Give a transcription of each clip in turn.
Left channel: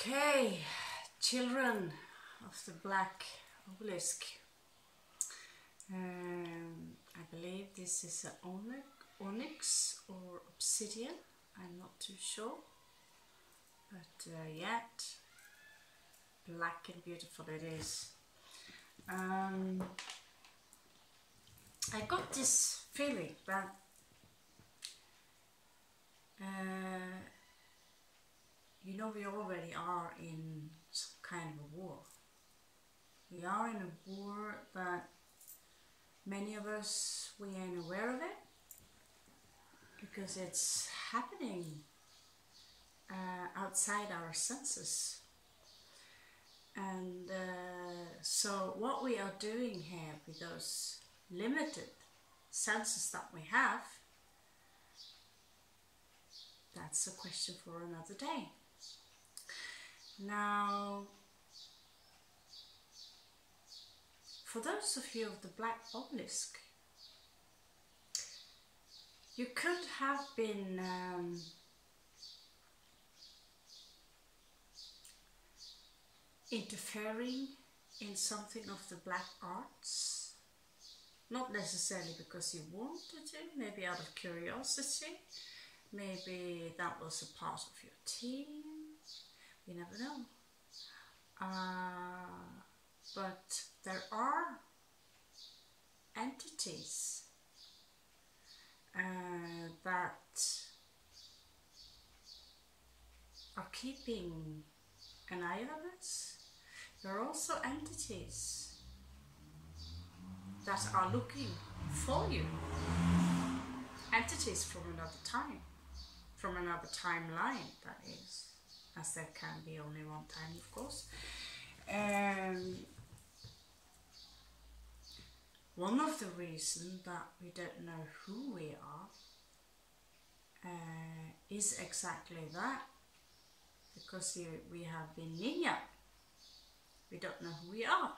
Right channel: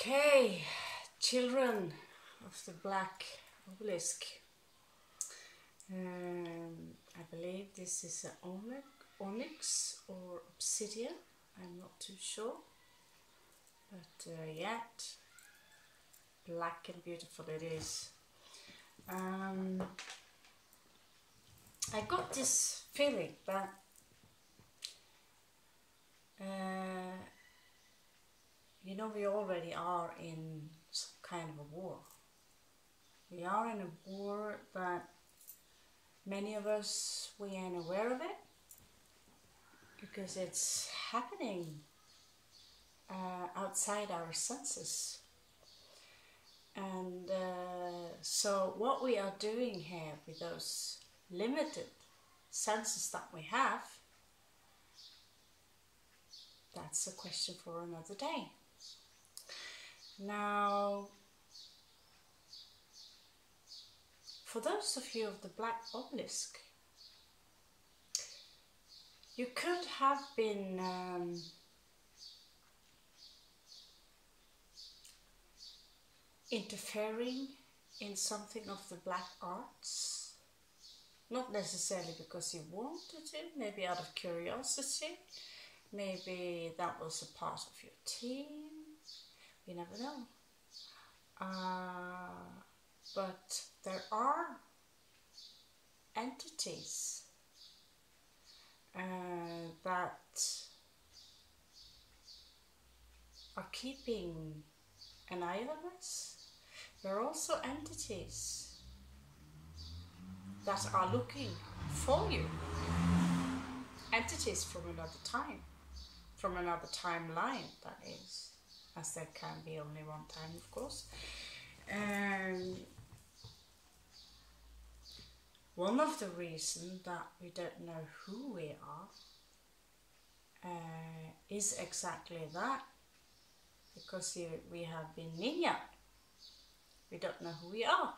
Okay, children of the black obelisk. I believe this is an onyx or obsidian. I'm not too sure, but yet black and beautiful it is. I got this feeling that you know, we already are in some kind of a war. We are in a war, but many of us, we ain't aware of it because it's happening outside our senses. And so what we are doing here with those limited senses that we have, that's a question for another day. Now, for those of you of the black obelisk, you could have been interfering in something of the black arts, not necessarily because you wanted to, maybe out of curiosity, maybe that was a part of your team. You never know. But there are entities that are keeping an eye on us. There are also entities that are looking for you. Entities from another time, from another timeline, that is. As there can be only one time, of course. One of the reasons that we don't know who we are is exactly that, because we have been ninja. We don't know who we are.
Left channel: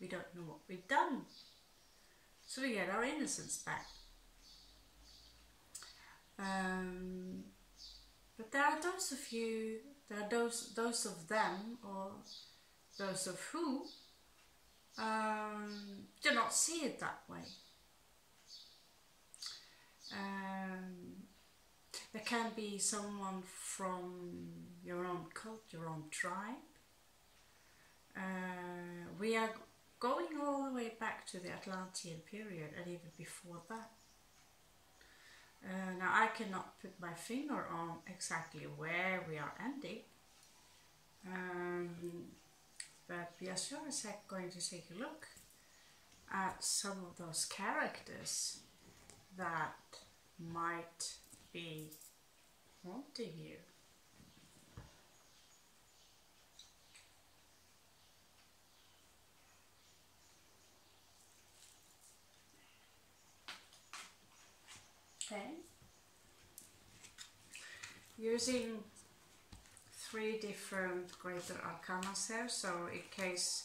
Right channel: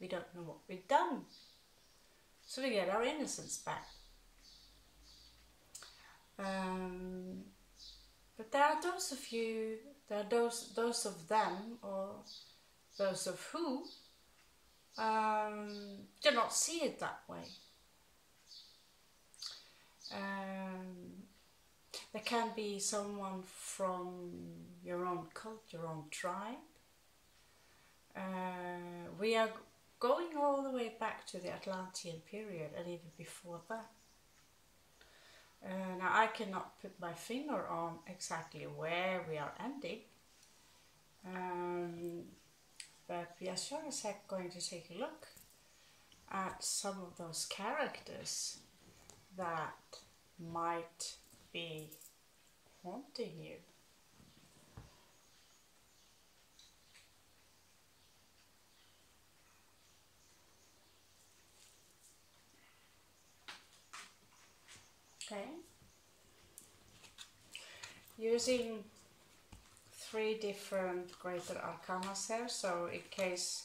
We don't know what we've done. So we get our innocence back. But there are those of you, there are those of them, or those of who do not see it that way. There can be someone from your own cult, your own tribe. We are going all the way back to the Atlantean period and even before that. Now I cannot put my finger on exactly where we are ending, but we are sure as heck going to take a look at some of those characters that might be haunting you. Okay, using 3 different greater arcana here, so in case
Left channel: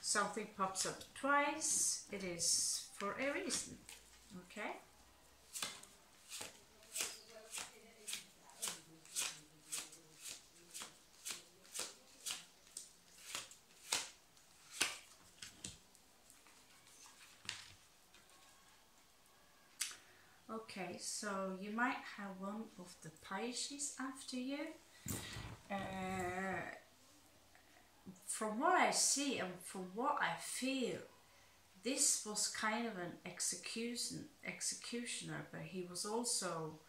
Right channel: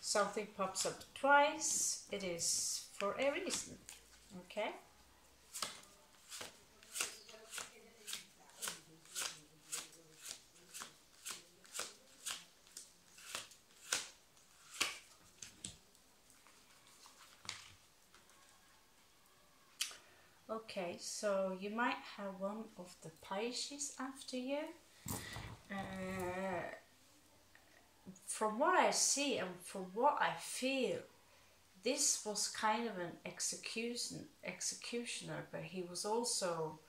something pops up twice, it is for a reason. Okay. Okay, so you might have one of the Pisces after you. From what I see and from what I feel, this was kind of an executioner, but he was also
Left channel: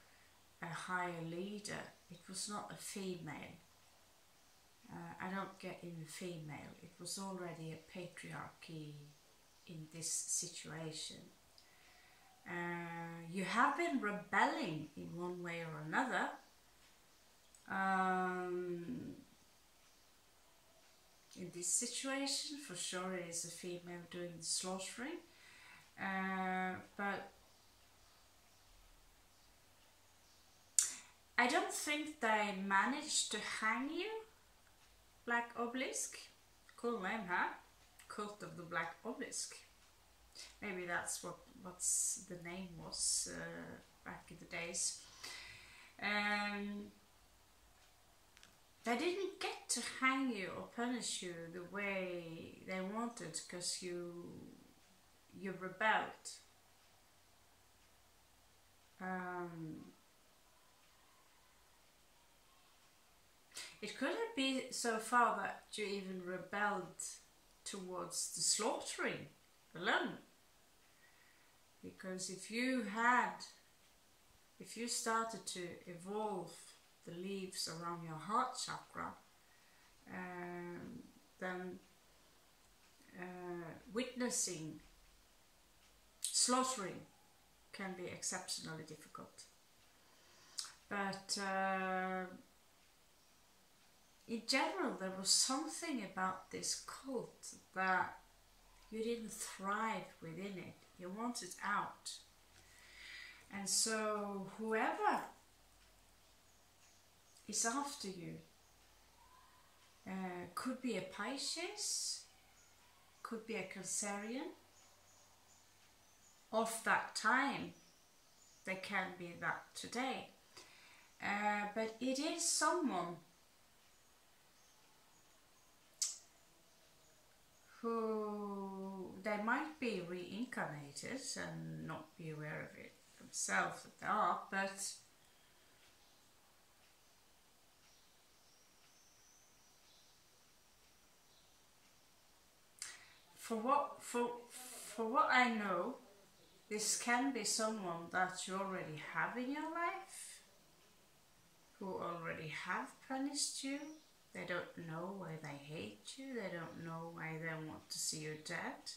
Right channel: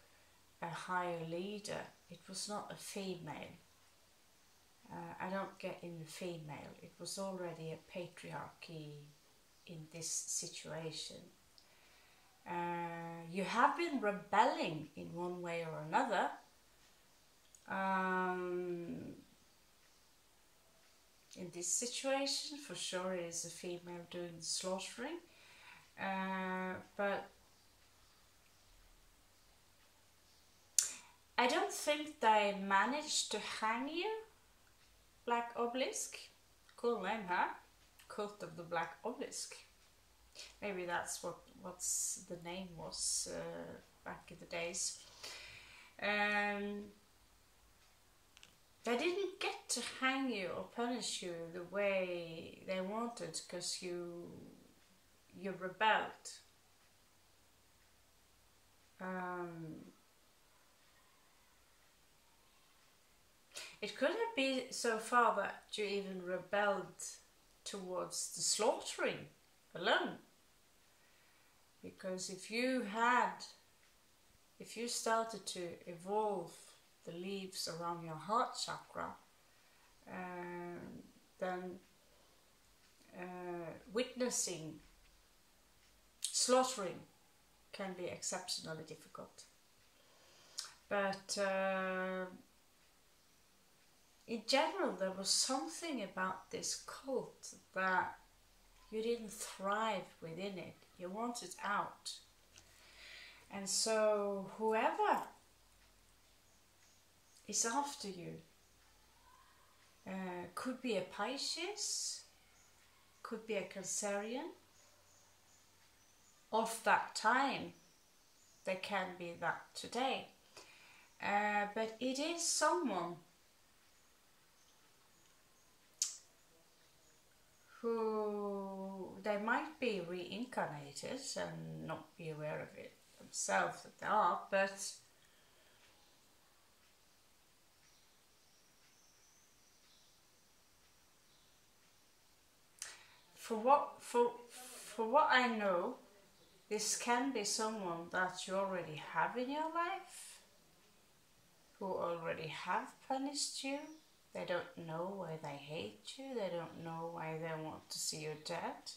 a higher leader. It was not a female. I don't get in the female. It was already a patriarchy in this situation. You have been rebelling in one way or another. In this situation, for sure it is a female doing the slaughtering, but I don't think they managed to hang you, Black Obelisk. Cool name, huh? Cult of the Black Obelisk. Maybe that's what's the name was back in the days. They didn't get to hang you or punish you the way they wanted because you rebelled. It couldn't be so far that you even rebelled towards the slaughtering alone. Because if you started to evolve the leaves around your heart chakra, then witnessing slaughtering can be exceptionally difficult. But in general, there was something about this cult that you didn't thrive within it. You wanted out. And so whoever is after you could be a Pisces, could be a Cancerian. Of that time, they can be that today. But it is someone who they might be reincarnated and not be aware of it themselves that they are, but for what I know, this can be someone that you already have in your life, who already have punished you. They don't know why they hate you, they don't know why they want to see you dead.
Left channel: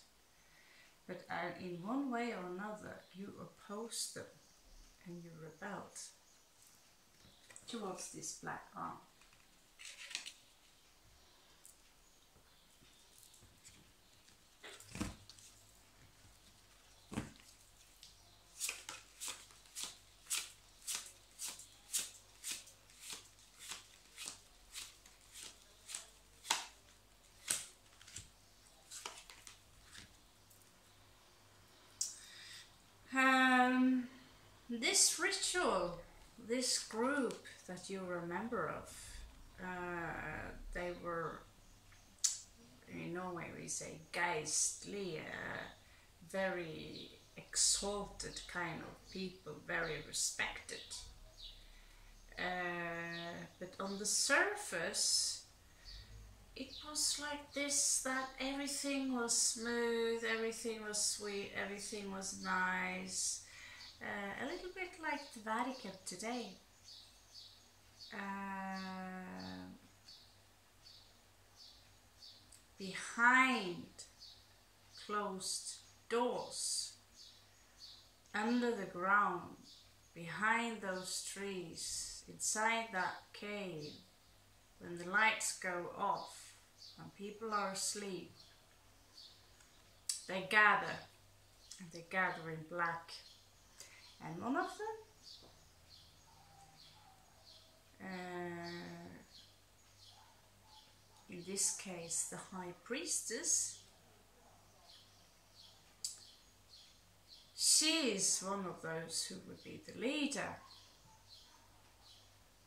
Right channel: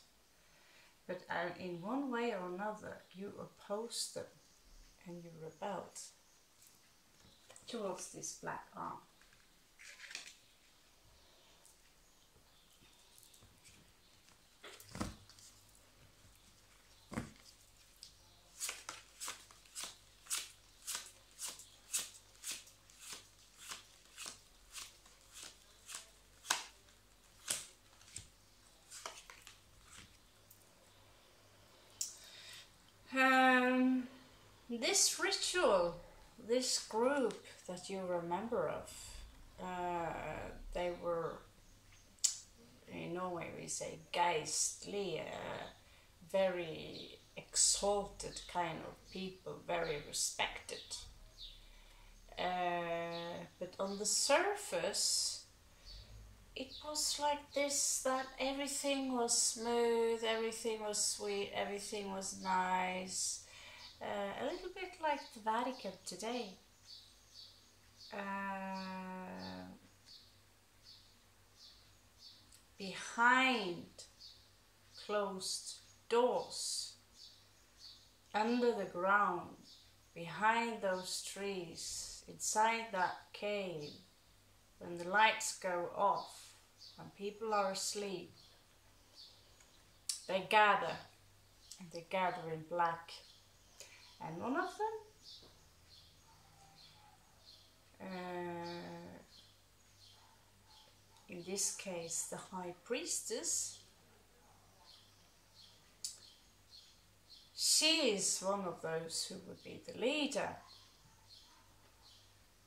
But in one way or another, you opposed them and you rebelled towards this black arm. This ritual, this group that you remember of, they were, in Norway we say geistly, very exalted kind of people, very respected. But on the surface, it was like this, that everything was smooth, everything was sweet, everything was nice. A little bit like the Vatican today. Behind closed doors, under the ground, behind those trees, inside that cave, when the lights go off, when people are asleep, they gather, and they gather in black. And one of them, in this case the High Priestess, she is one of those who would be the leader,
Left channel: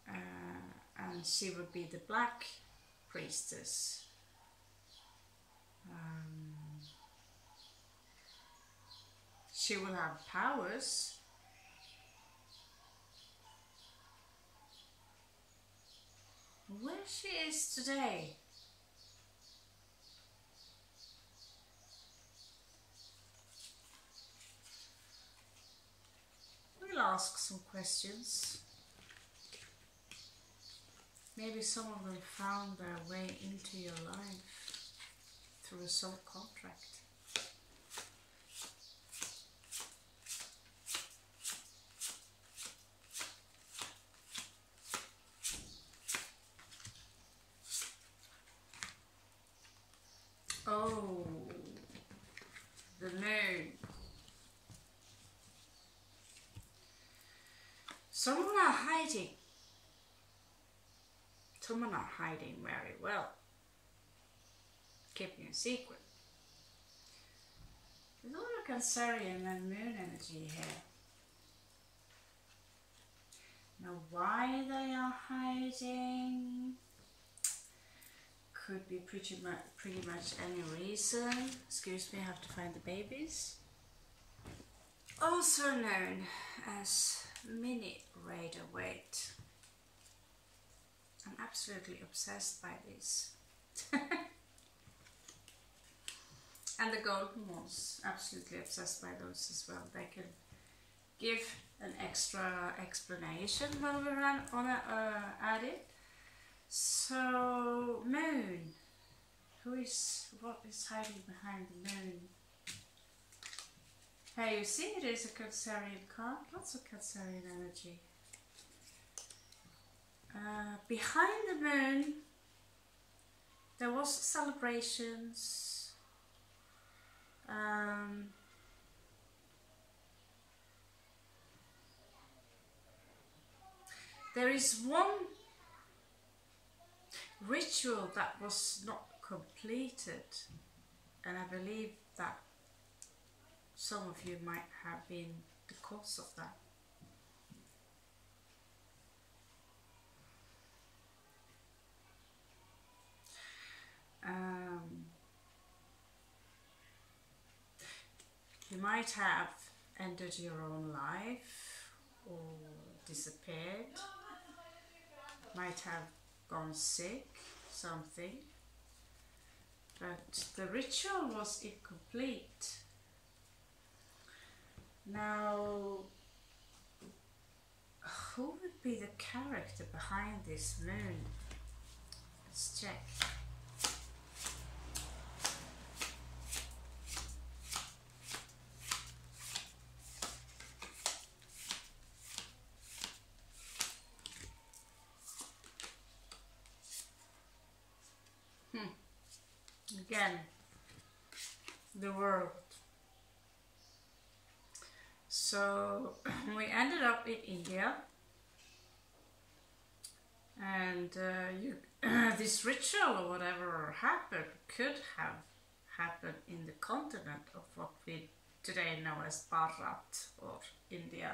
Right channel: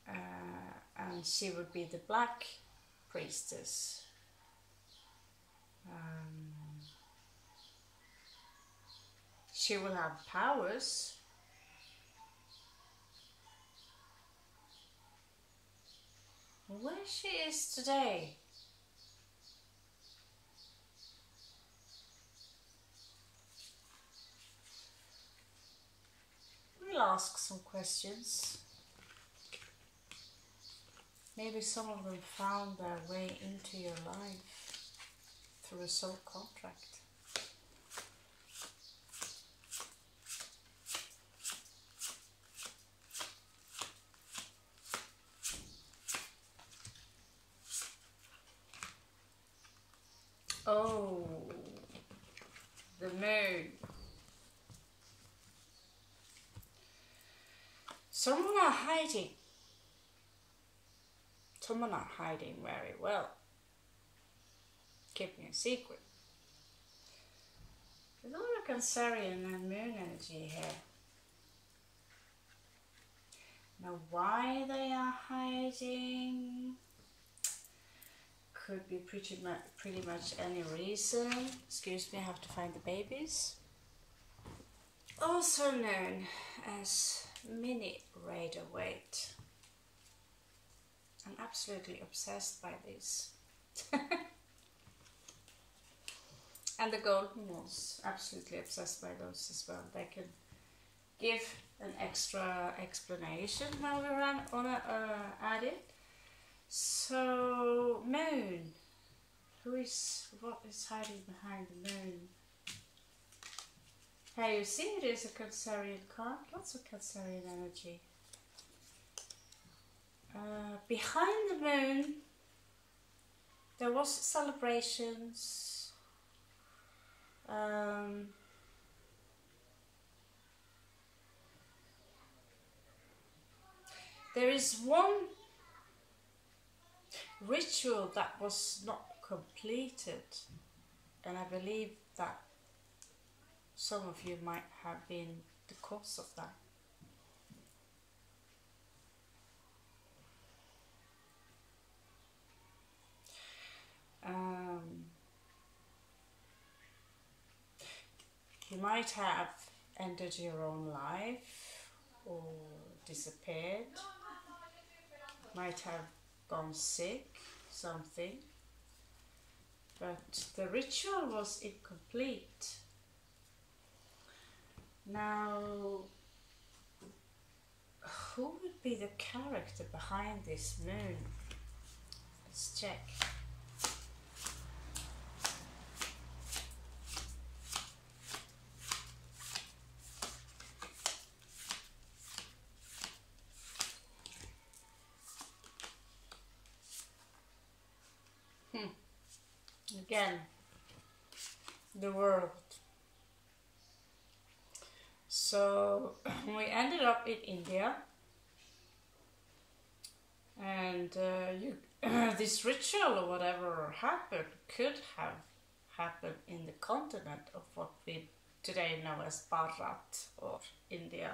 and she would be the Black Priestess. She will have powers. Where she is today, we'll ask some questions. Maybe some of them found their way into your life through a soul contract. Oh, the moon. Someone are hiding. Someone are hiding very well. Keeping a secret. There's a lot of Cancerian and moon energy here. Now why they are hiding? could be pretty much any reason. Excuse me, I have to find the babies. Also known as mini radar weight. I'm absolutely obsessed by these. And the golden ones, absolutely obsessed by those as well. They can give an extra explanation when we're at it. So, moon. What is hiding behind the moon? Hey, you see it is a Cancerian card, lots of Cancerian energy. Behind the moon, there was celebrations. There is one ritual that was not completed, and I believe that some of you might have been the cause of that. You might have ended your own life or disappeared, might have gone sick, something, but the ritual was incomplete. Now, who would be the character behind this moon? Let's check. Again, the world. So we ended up in India, and this ritual or whatever happened could have happened in the continent of what we today know as Bharat or India.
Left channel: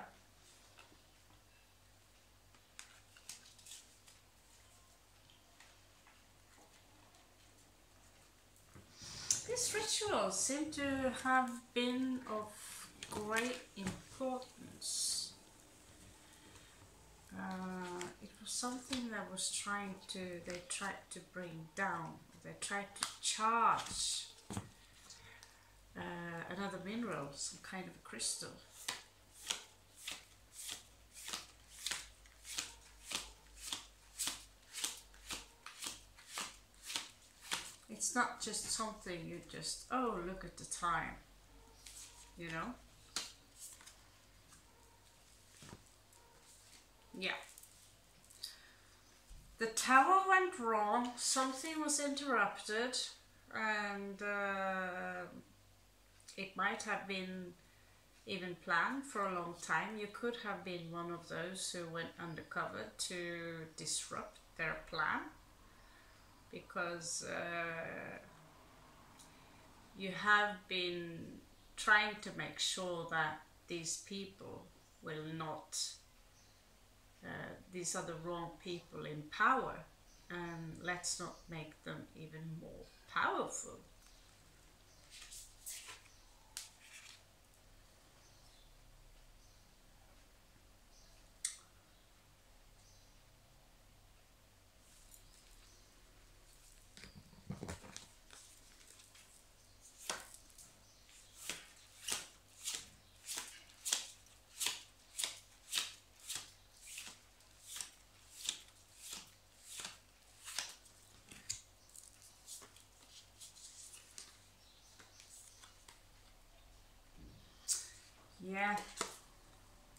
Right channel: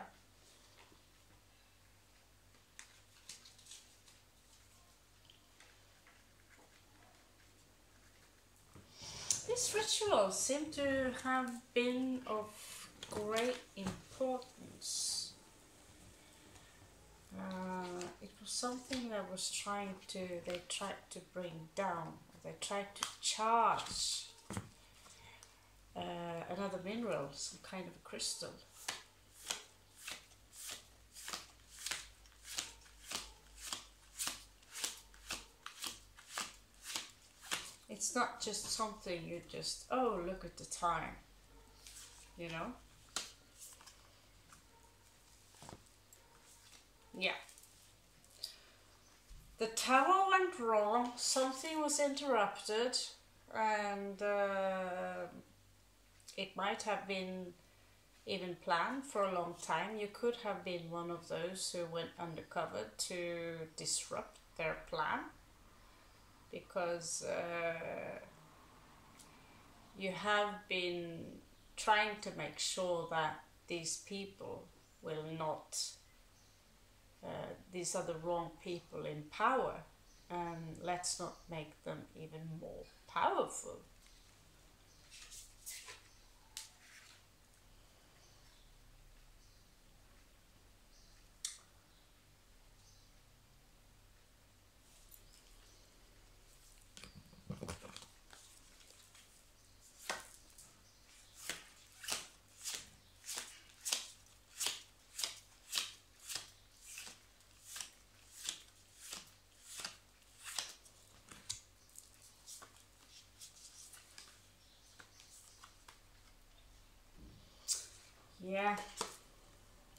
This ritual seemed to have been of great importance. It was something that was they tried to bring down, they tried to charge another mineral, some kind of crystal. It's not just something you just, oh, look at the time, you know? Yeah. The tower went wrong, something was interrupted, and it might have been even planned for a long time. You could have been one of those who went undercover to disrupt their plan, because you have been trying to make sure that these people will not, these are the wrong people in power, and let's not make them even more powerful. Yeah,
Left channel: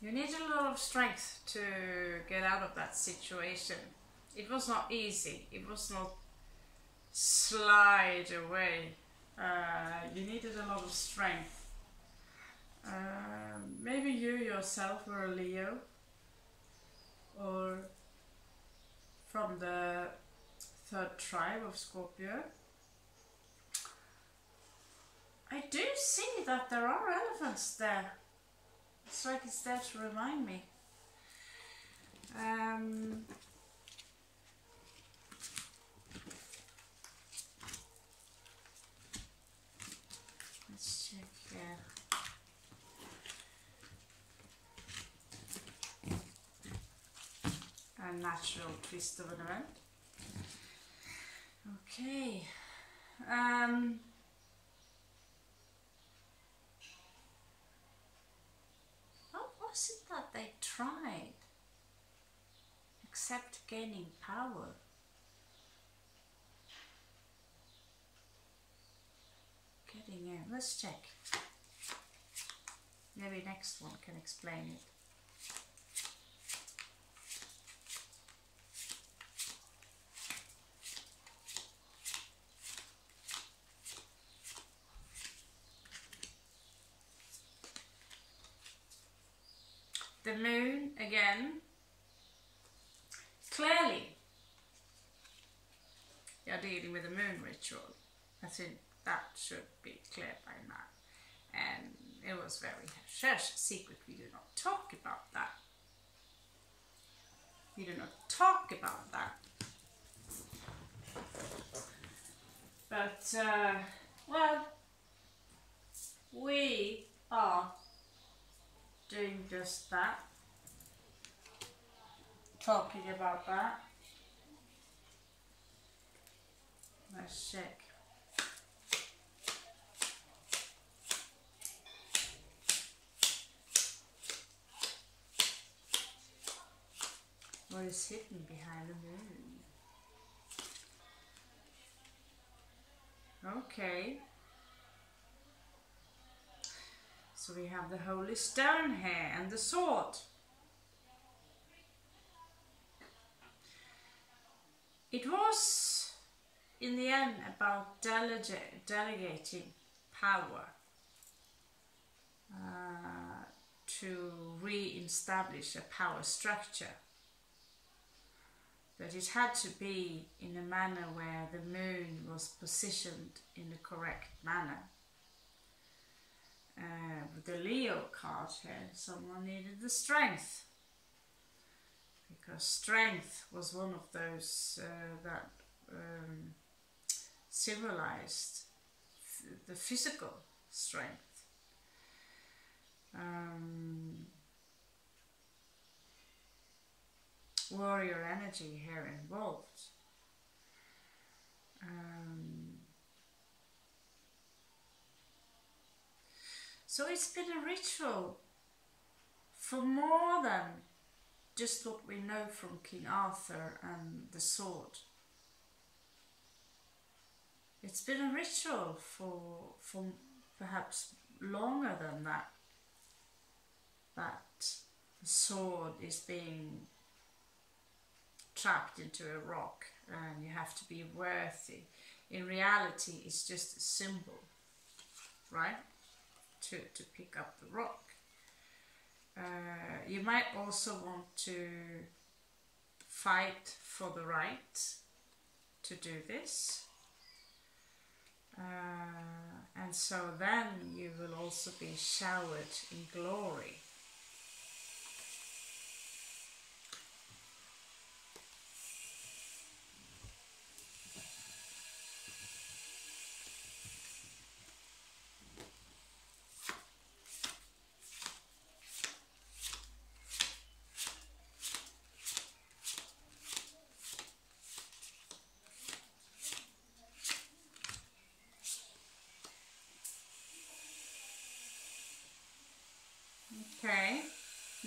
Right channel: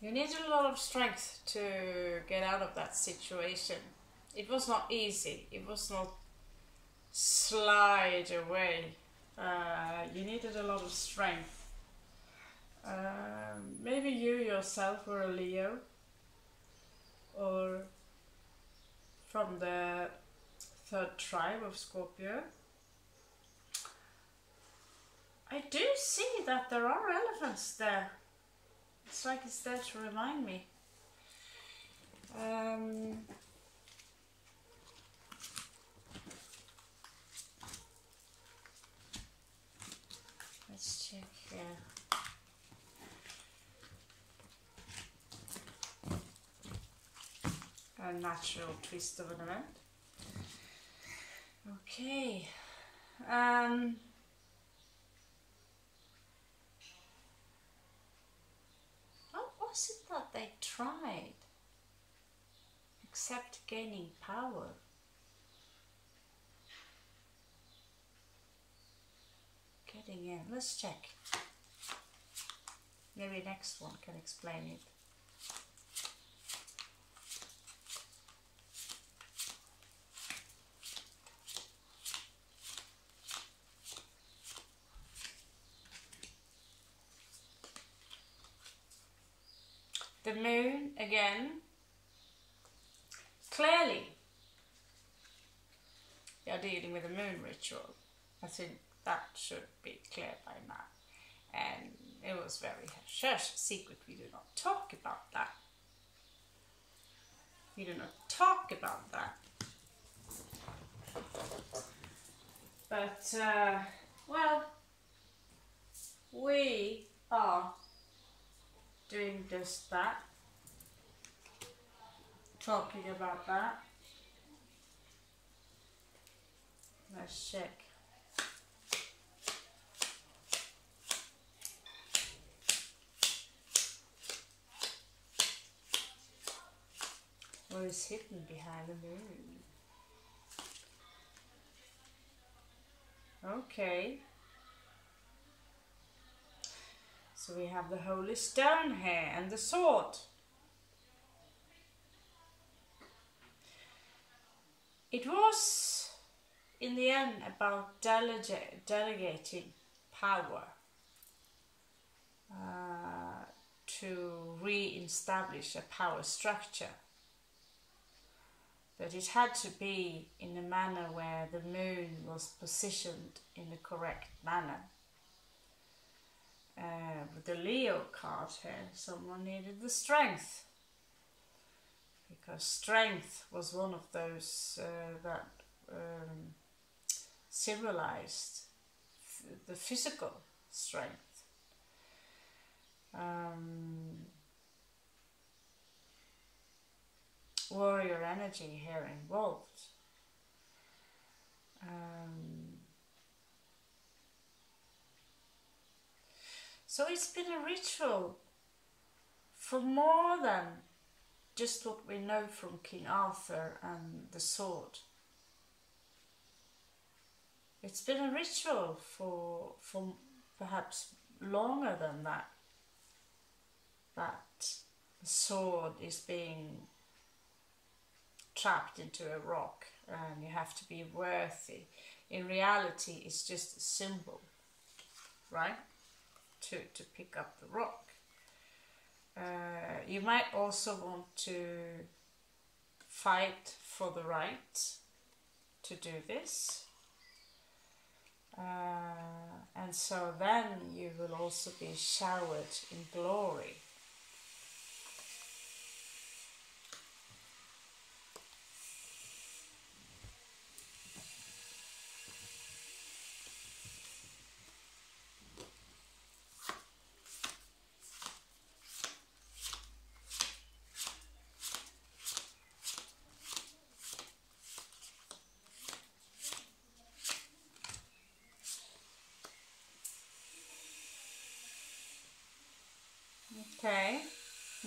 you need a lot of strength to get out of that situation. It was not easy. It was not slide away. You needed a lot of strength. Maybe you yourself were a Leo, or from the third tribe of Scorpio. I do see that there are elephants there. It's like it's there to remind me. natural twist of an event. Okay. What was it that they tried? Except gaining power. Getting in. Let's check. Maybe next one can explain it. The moon again. Clearly, they are dealing with a moon ritual. I think that should be clear by now. And it was very hush secret. We do not talk about that. We do not talk about that. But, well, we are doing just that. Talking about that. Let's check. What is hidden behind the moon? Okay. So we have the holy stone here and the sword. It was, in the end, about delegating power to re-establish a power structure. But it had to be in a manner where the moon was positioned in the correct manner. With the Leo card here, someone needed the strength. Because strength was one of those that symbolized the physical strength. Warrior energy here involved. So it's been a ritual for more than just what we know from King Arthur and the sword. It's been a ritual for perhaps longer than that. That the sword is being trapped into a rock and you have to be worthy. In reality, it's just a symbol, right? To pick up the rock. You might also want to fight for the right to do this. And so then you will also be showered in glory. Okay,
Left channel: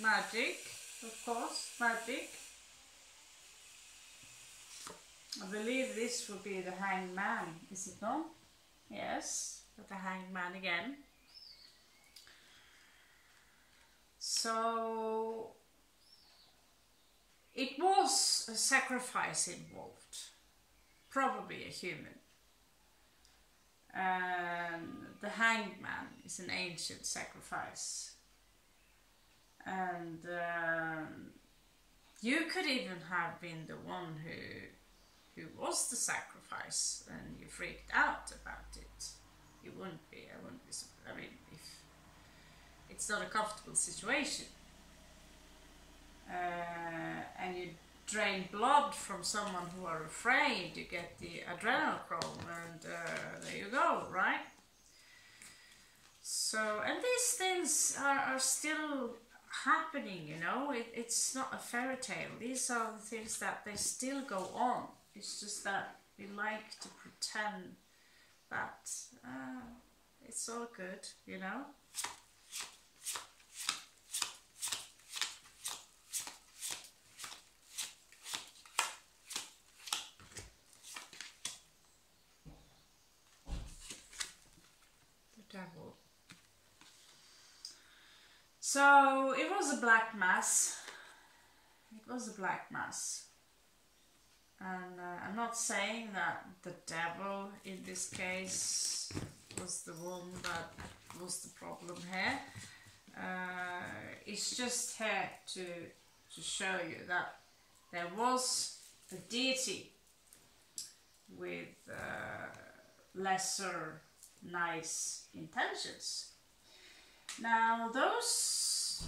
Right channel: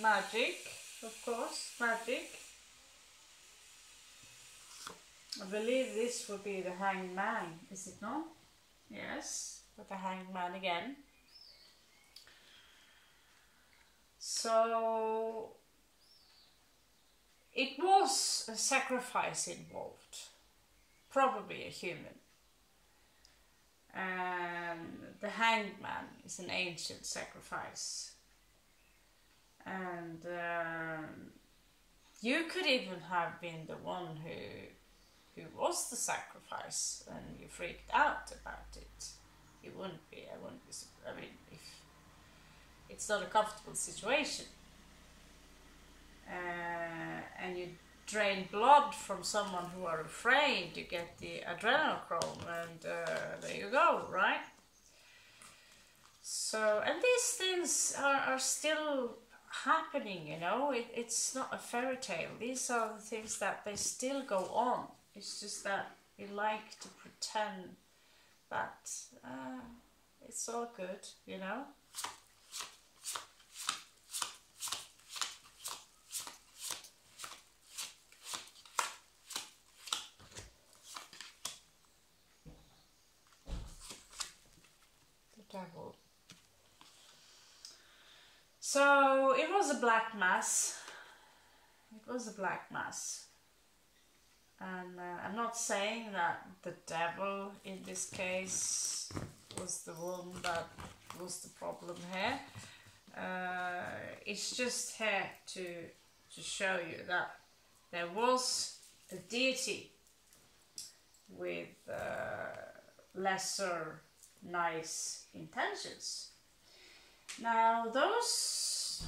magic, of course, magic. I believe this will be the Hanged Man, is it not? Yes, but the Hanged Man again. So, it was a sacrifice involved, probably a human. And the Hanged Man is an ancient sacrifice. And you could even have been the one who was the sacrifice and you freaked out about it. You wouldn't be, I wouldn't be, I mean, if it's not a comfortable situation and you drain blood from someone who are afraid, you get the adrenochrome and there you go, right? So, and these things are still happening, you know. It's not a fairy tale. These are the things that they still go on. It's just that we like to pretend that it's all good, you know. The devil. So it was a black mass. It was a black mass. And I'm not saying that the devil in this case was the one that was the problem here. It's just here to show you that there was a deity with lesser nice intentions. Now those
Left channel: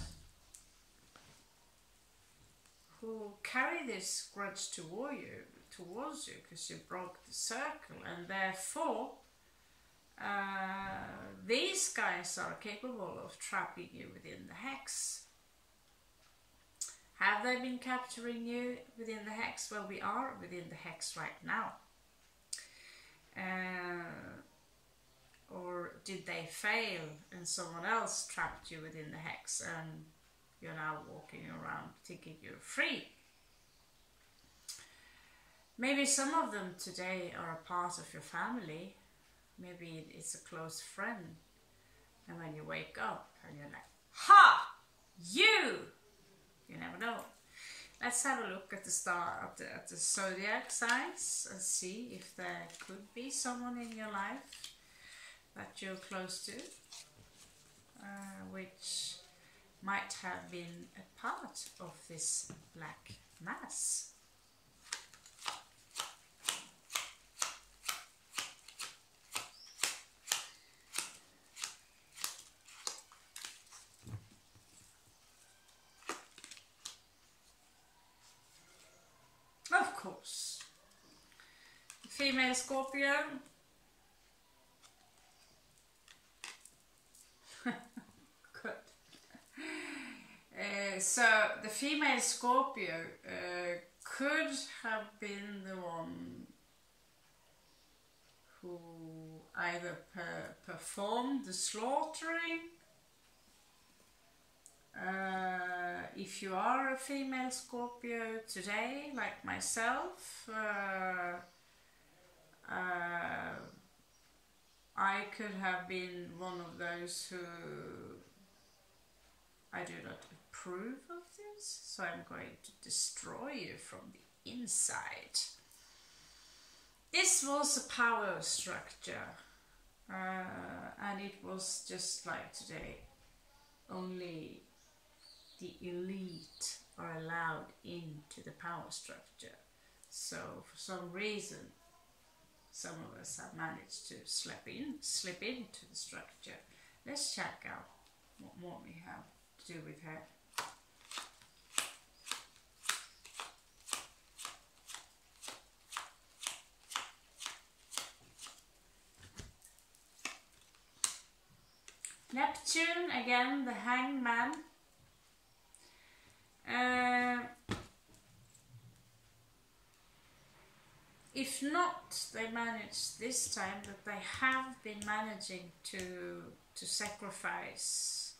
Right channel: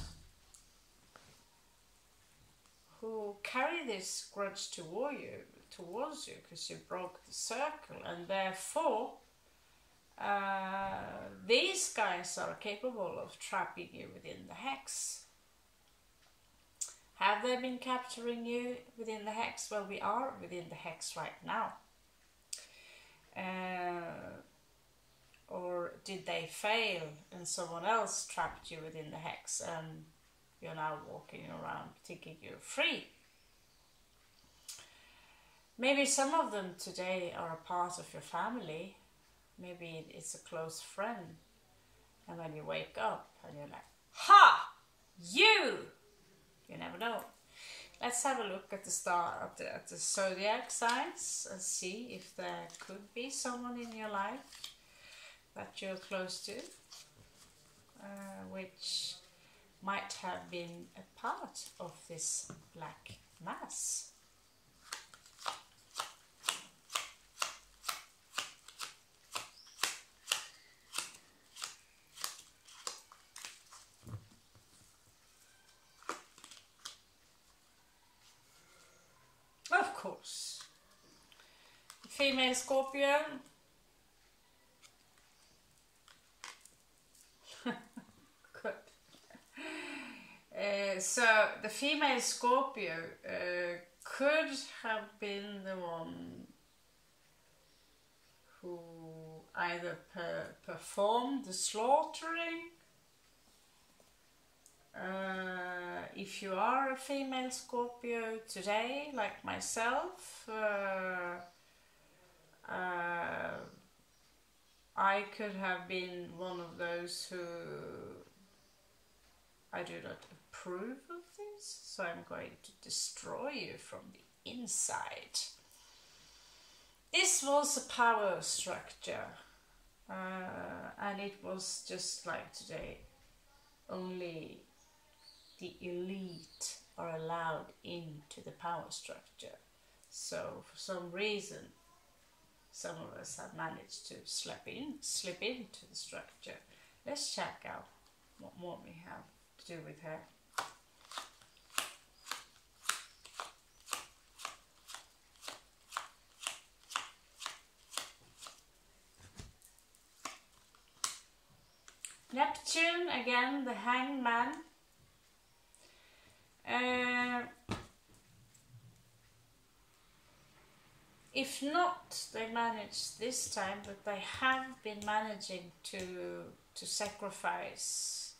who carry this grudge towards you because you broke the circle, and therefore these guys are capable of trapping you within the hex. Have they been capturing you within the hex? Well, we are within the hex right now. Or did they fail and someone else trapped you within the hex and you're now walking around thinking you're free? Maybe some of them today are a part of your family. Maybe it's a close friend. And when you wake up and you're like, ha! You! You never know. Let's have a look at the star at the zodiac signs and see if there could be someone in your life that you're close to, which might have been a part of this black mass. Of course, female Scorpio. So the female Scorpio could have been the one who either performed the slaughtering. If you are a female Scorpio today, like myself, I could have been one of those who I do not approve of this, so I'm going to destroy you from the inside. This was a power structure, and it was just like today, only the elite are allowed into the power structure. So for some reason, some of us have managed to slip into the structure. Let's check out what more we have to do with her. Neptune, again, the hangman. If not, they managed this time, but they have been managing to sacrifice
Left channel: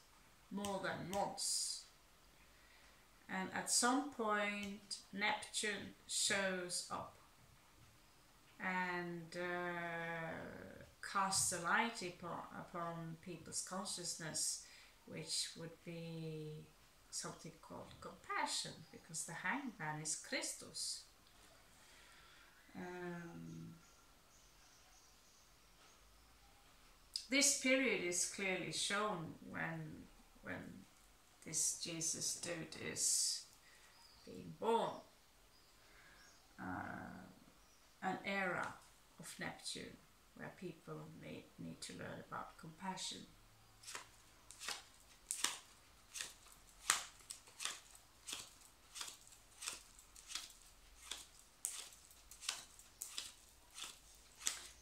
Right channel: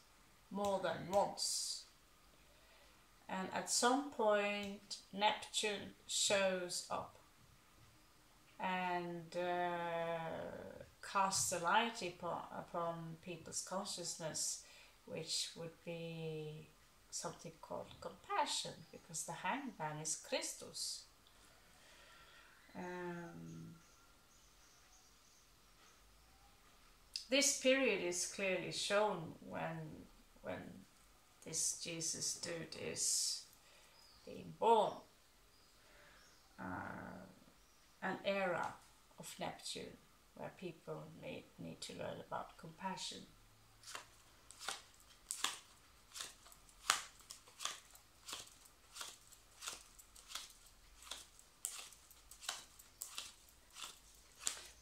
more than once. And at some point, Neptune shows up and casts a light upon people's consciousness, which would be something called compassion, because the hangman is Christus. This period is clearly shown when this Jesus dude is being born. An era of Neptune where people need to learn about compassion.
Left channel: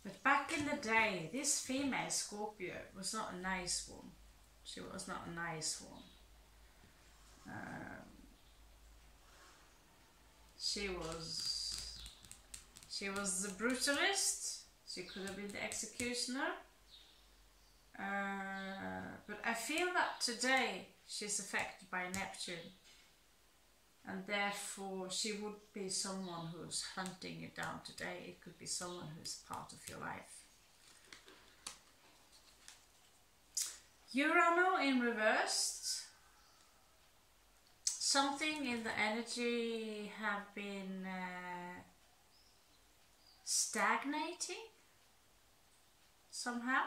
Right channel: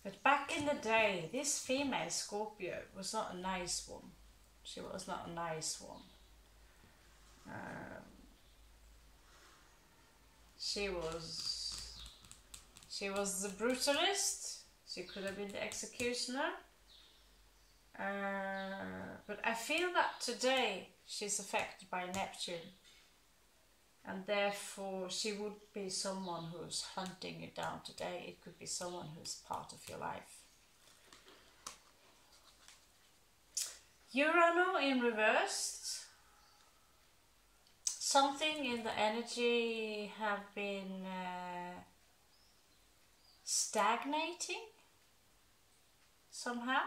But back in the day, this female Scorpio was not a nice one. She was not a nice one. She was the brutalist. She could have been the executioner. But I feel that today she's affected by Neptune, and therefore she would be someone who's hunting you down today. It could be someone who's part of your life. Urano in reversed. Something in the energy have been stagnating somehow.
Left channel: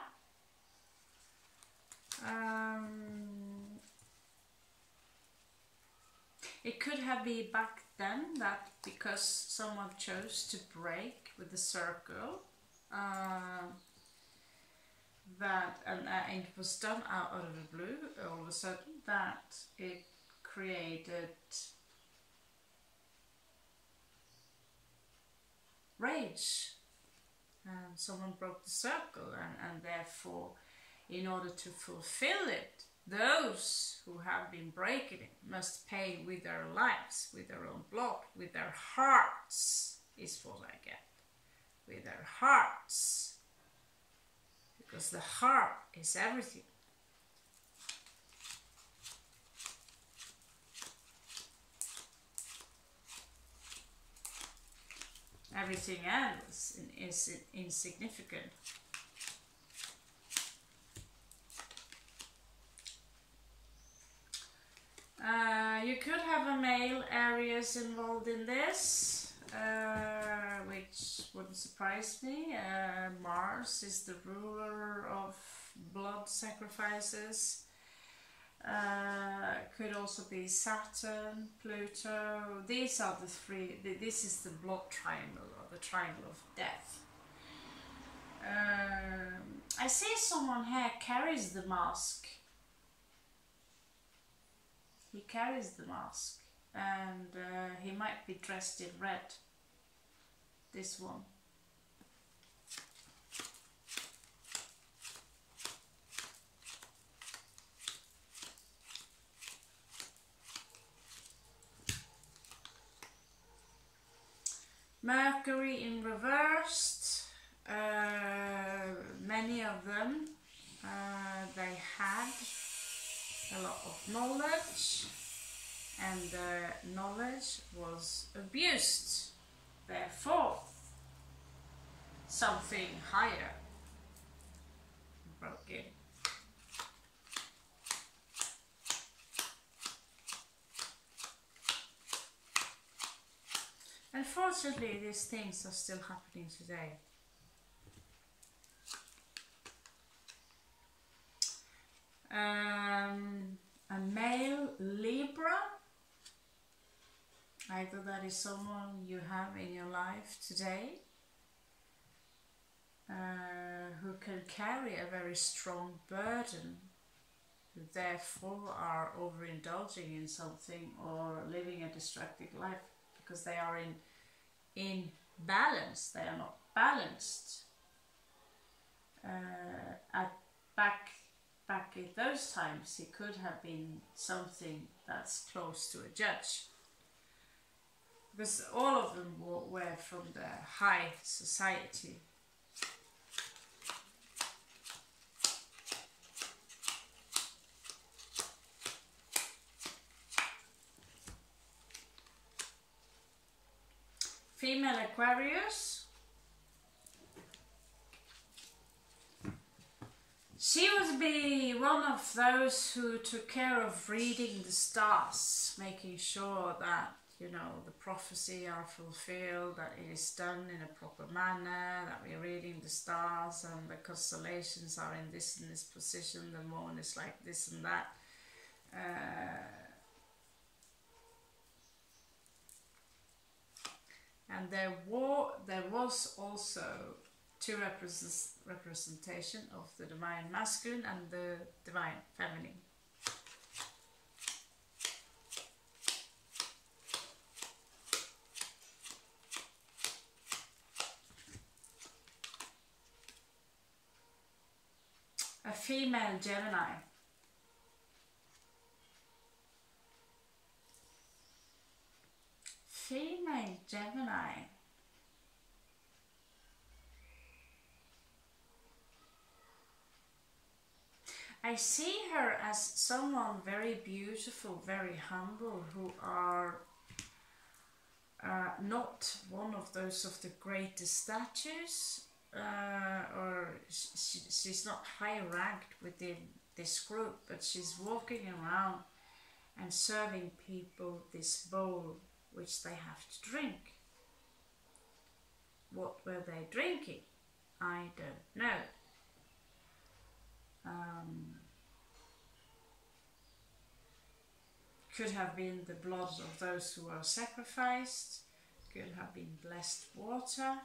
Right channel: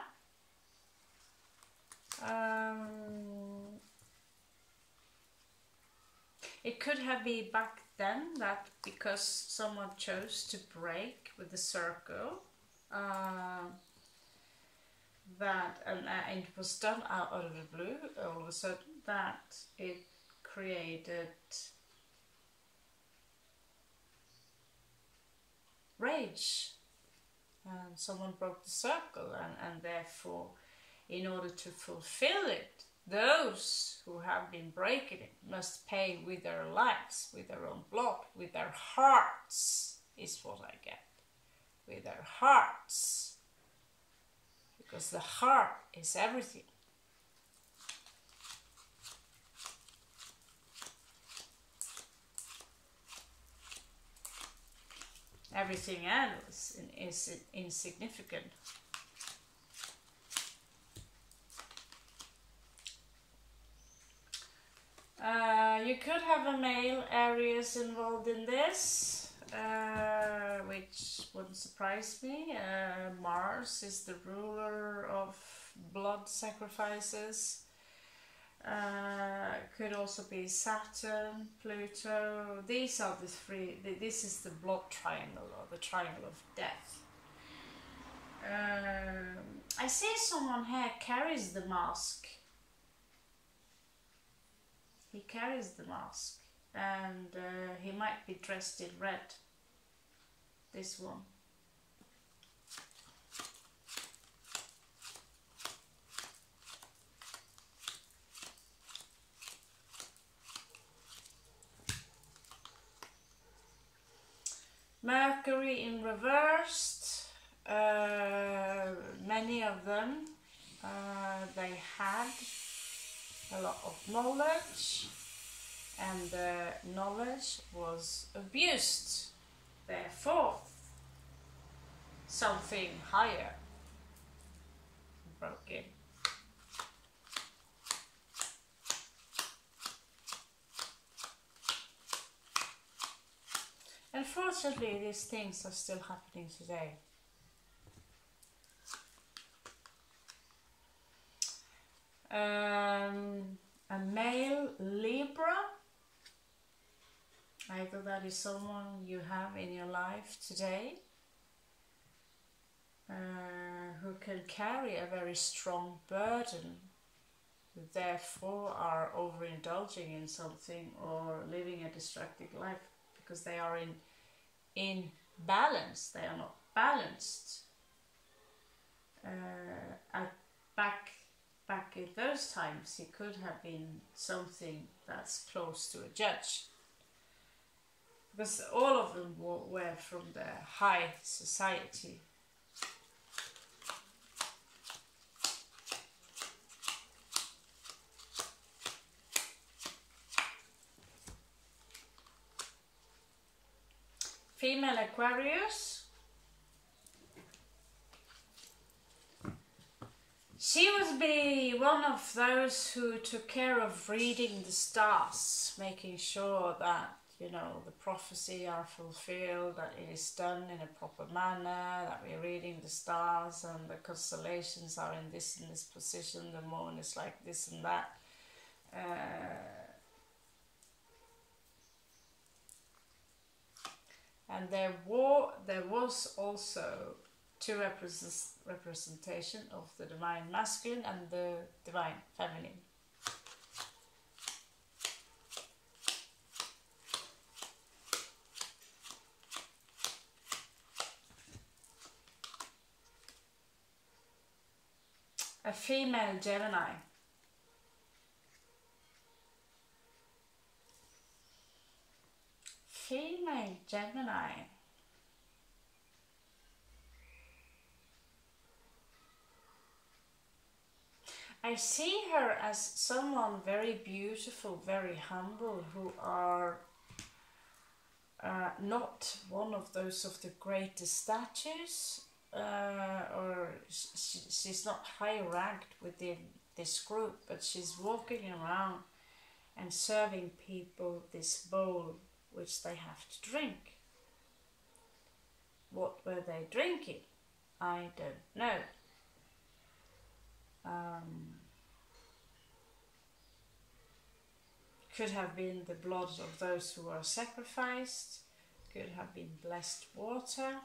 It could have been back then that because someone chose to break with the circle, that and it was done out of the blue all of a sudden, that it created rage, and someone broke the circle, and therefore, in order to fulfill it, those who have been breaking it must pay with their lives, with their own blood, with their hearts, is what I get. With their hearts. Because the heart is everything. Everything else is insignificant. You could have a male Aries involved in this, which wouldn't surprise me. Mars is the ruler of blood sacrifices. Could also be Saturn, Pluto. These are the three. This is the blood triangle, or the triangle of death. I see someone here carries the mask. He carries the mask, and he might be dressed in red. This one. Mercury in reversed. Many of them, they had a lot of knowledge, and the knowledge was abused. Therefore, something higher broke in. Unfortunately, these things are still happening today. A male Libra, either that is someone you have in your life today, who can carry a very strong burden, therefore are overindulging in something or living a destructive life because they are in balance. They are not balanced. Back in those times, it could have been something that's close to a judge, because all of them were from the high society. Female Aquarius. She would be one of those who took care of reading the stars, making sure that, you know, the prophecy are fulfilled, that it is done in a proper manner, that we're reading the stars and the constellations are in this and this position, the moon is like this and that. And there was also two representation of the divine masculine and the divine feminine. A female Gemini. female Gemini. I see her as someone very beautiful, very humble, who are not one of those of the greatest statues, or she's not high ranked within this group, but she's walking around and serving people this bowl which they have to drink. What were they drinking? I don't know. Could have been the blood of those who were sacrificed, could have been blessed water,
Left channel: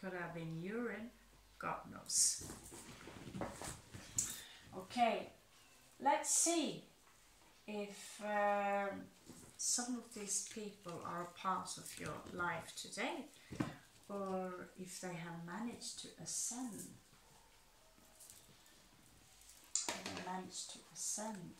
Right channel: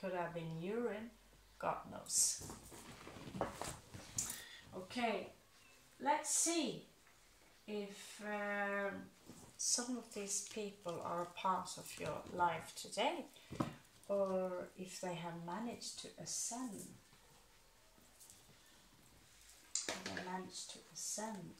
could have been urine, God knows. Okay, let's see if some of these people are a part of your life today, or if they have managed to ascend. They managed to ascend.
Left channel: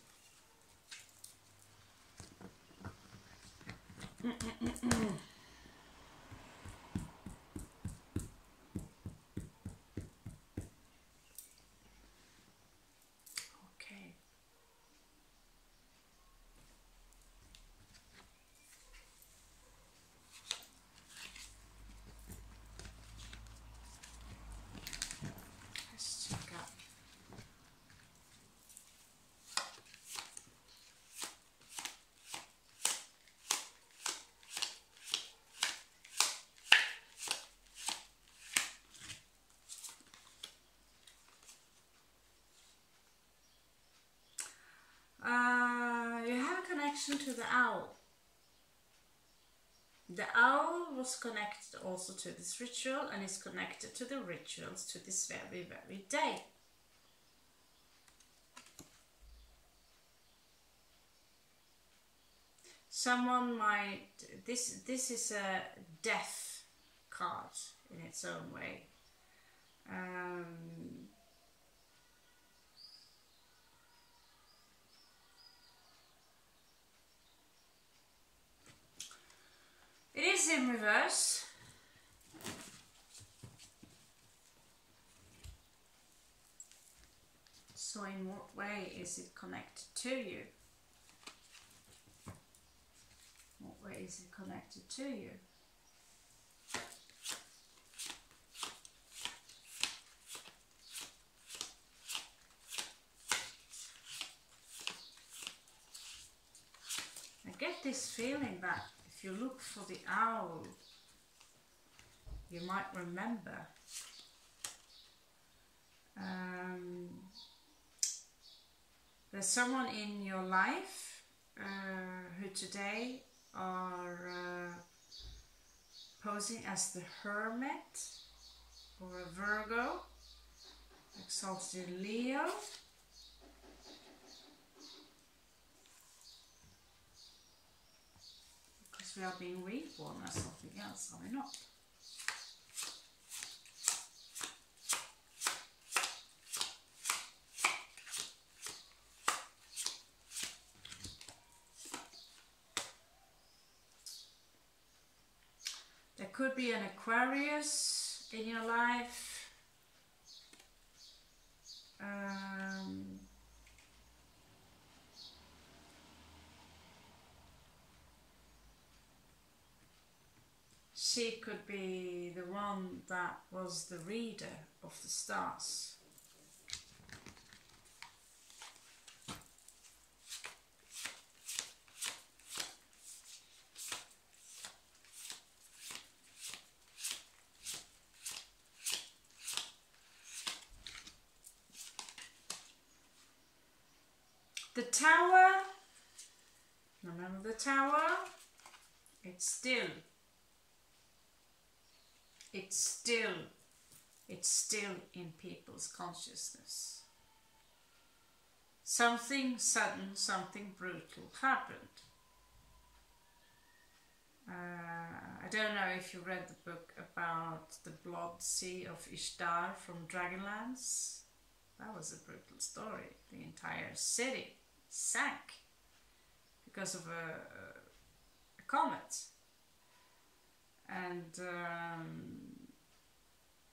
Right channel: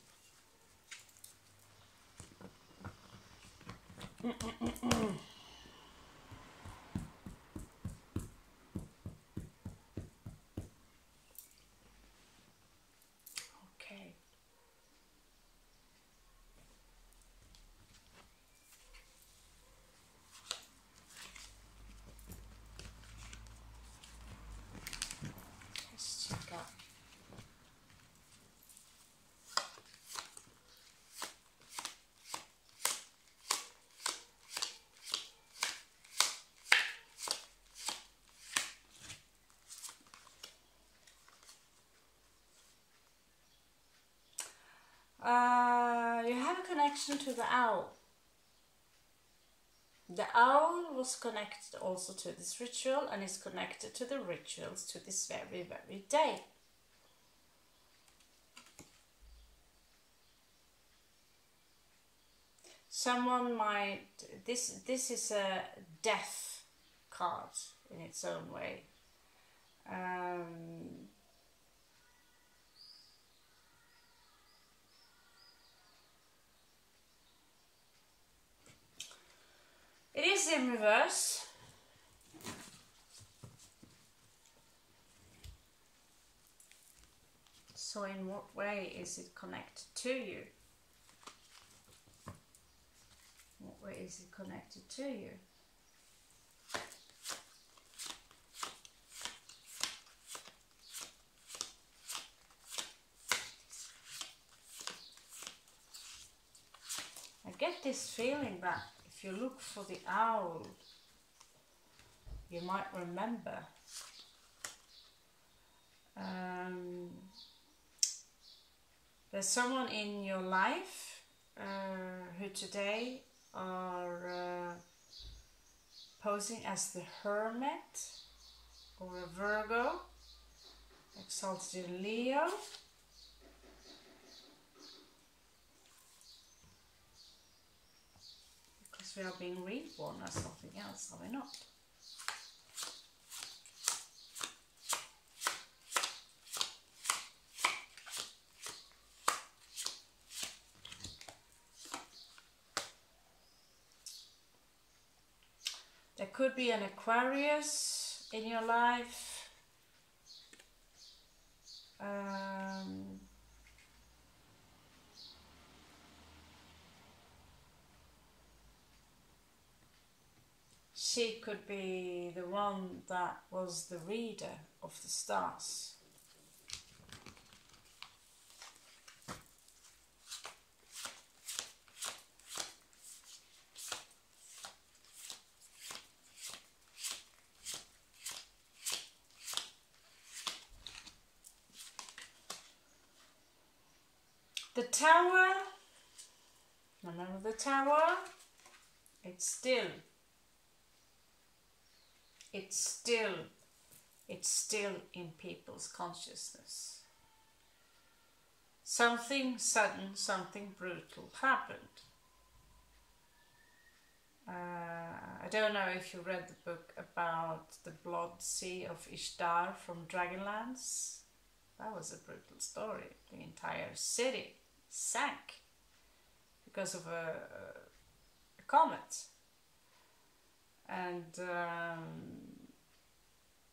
Okay. Let's check out. You have a connection to the owl. The owl was connected also to this ritual and is connected to the rituals to this very, very day. Someone might, this is a death card in its own way. It is in reverse. So in what way is it connected to you? What way is it connected to you? I get this feeling that if you look for the owl, you might remember there's someone in your life who today are posing as the Hermit or a Virgo, exalted in Leo. Because we are being reborn as something else, are we not? There could be an Aquarius in your life. She could be the one that was the reader of the stars. The Tower, remember the Tower? It's still in people's consciousness. Something sudden, something brutal happened. I don't know if you read the book about the Blood Sea of Ishtar from Dragonlance. That was a brutal story. The entire city sank because of a comet. And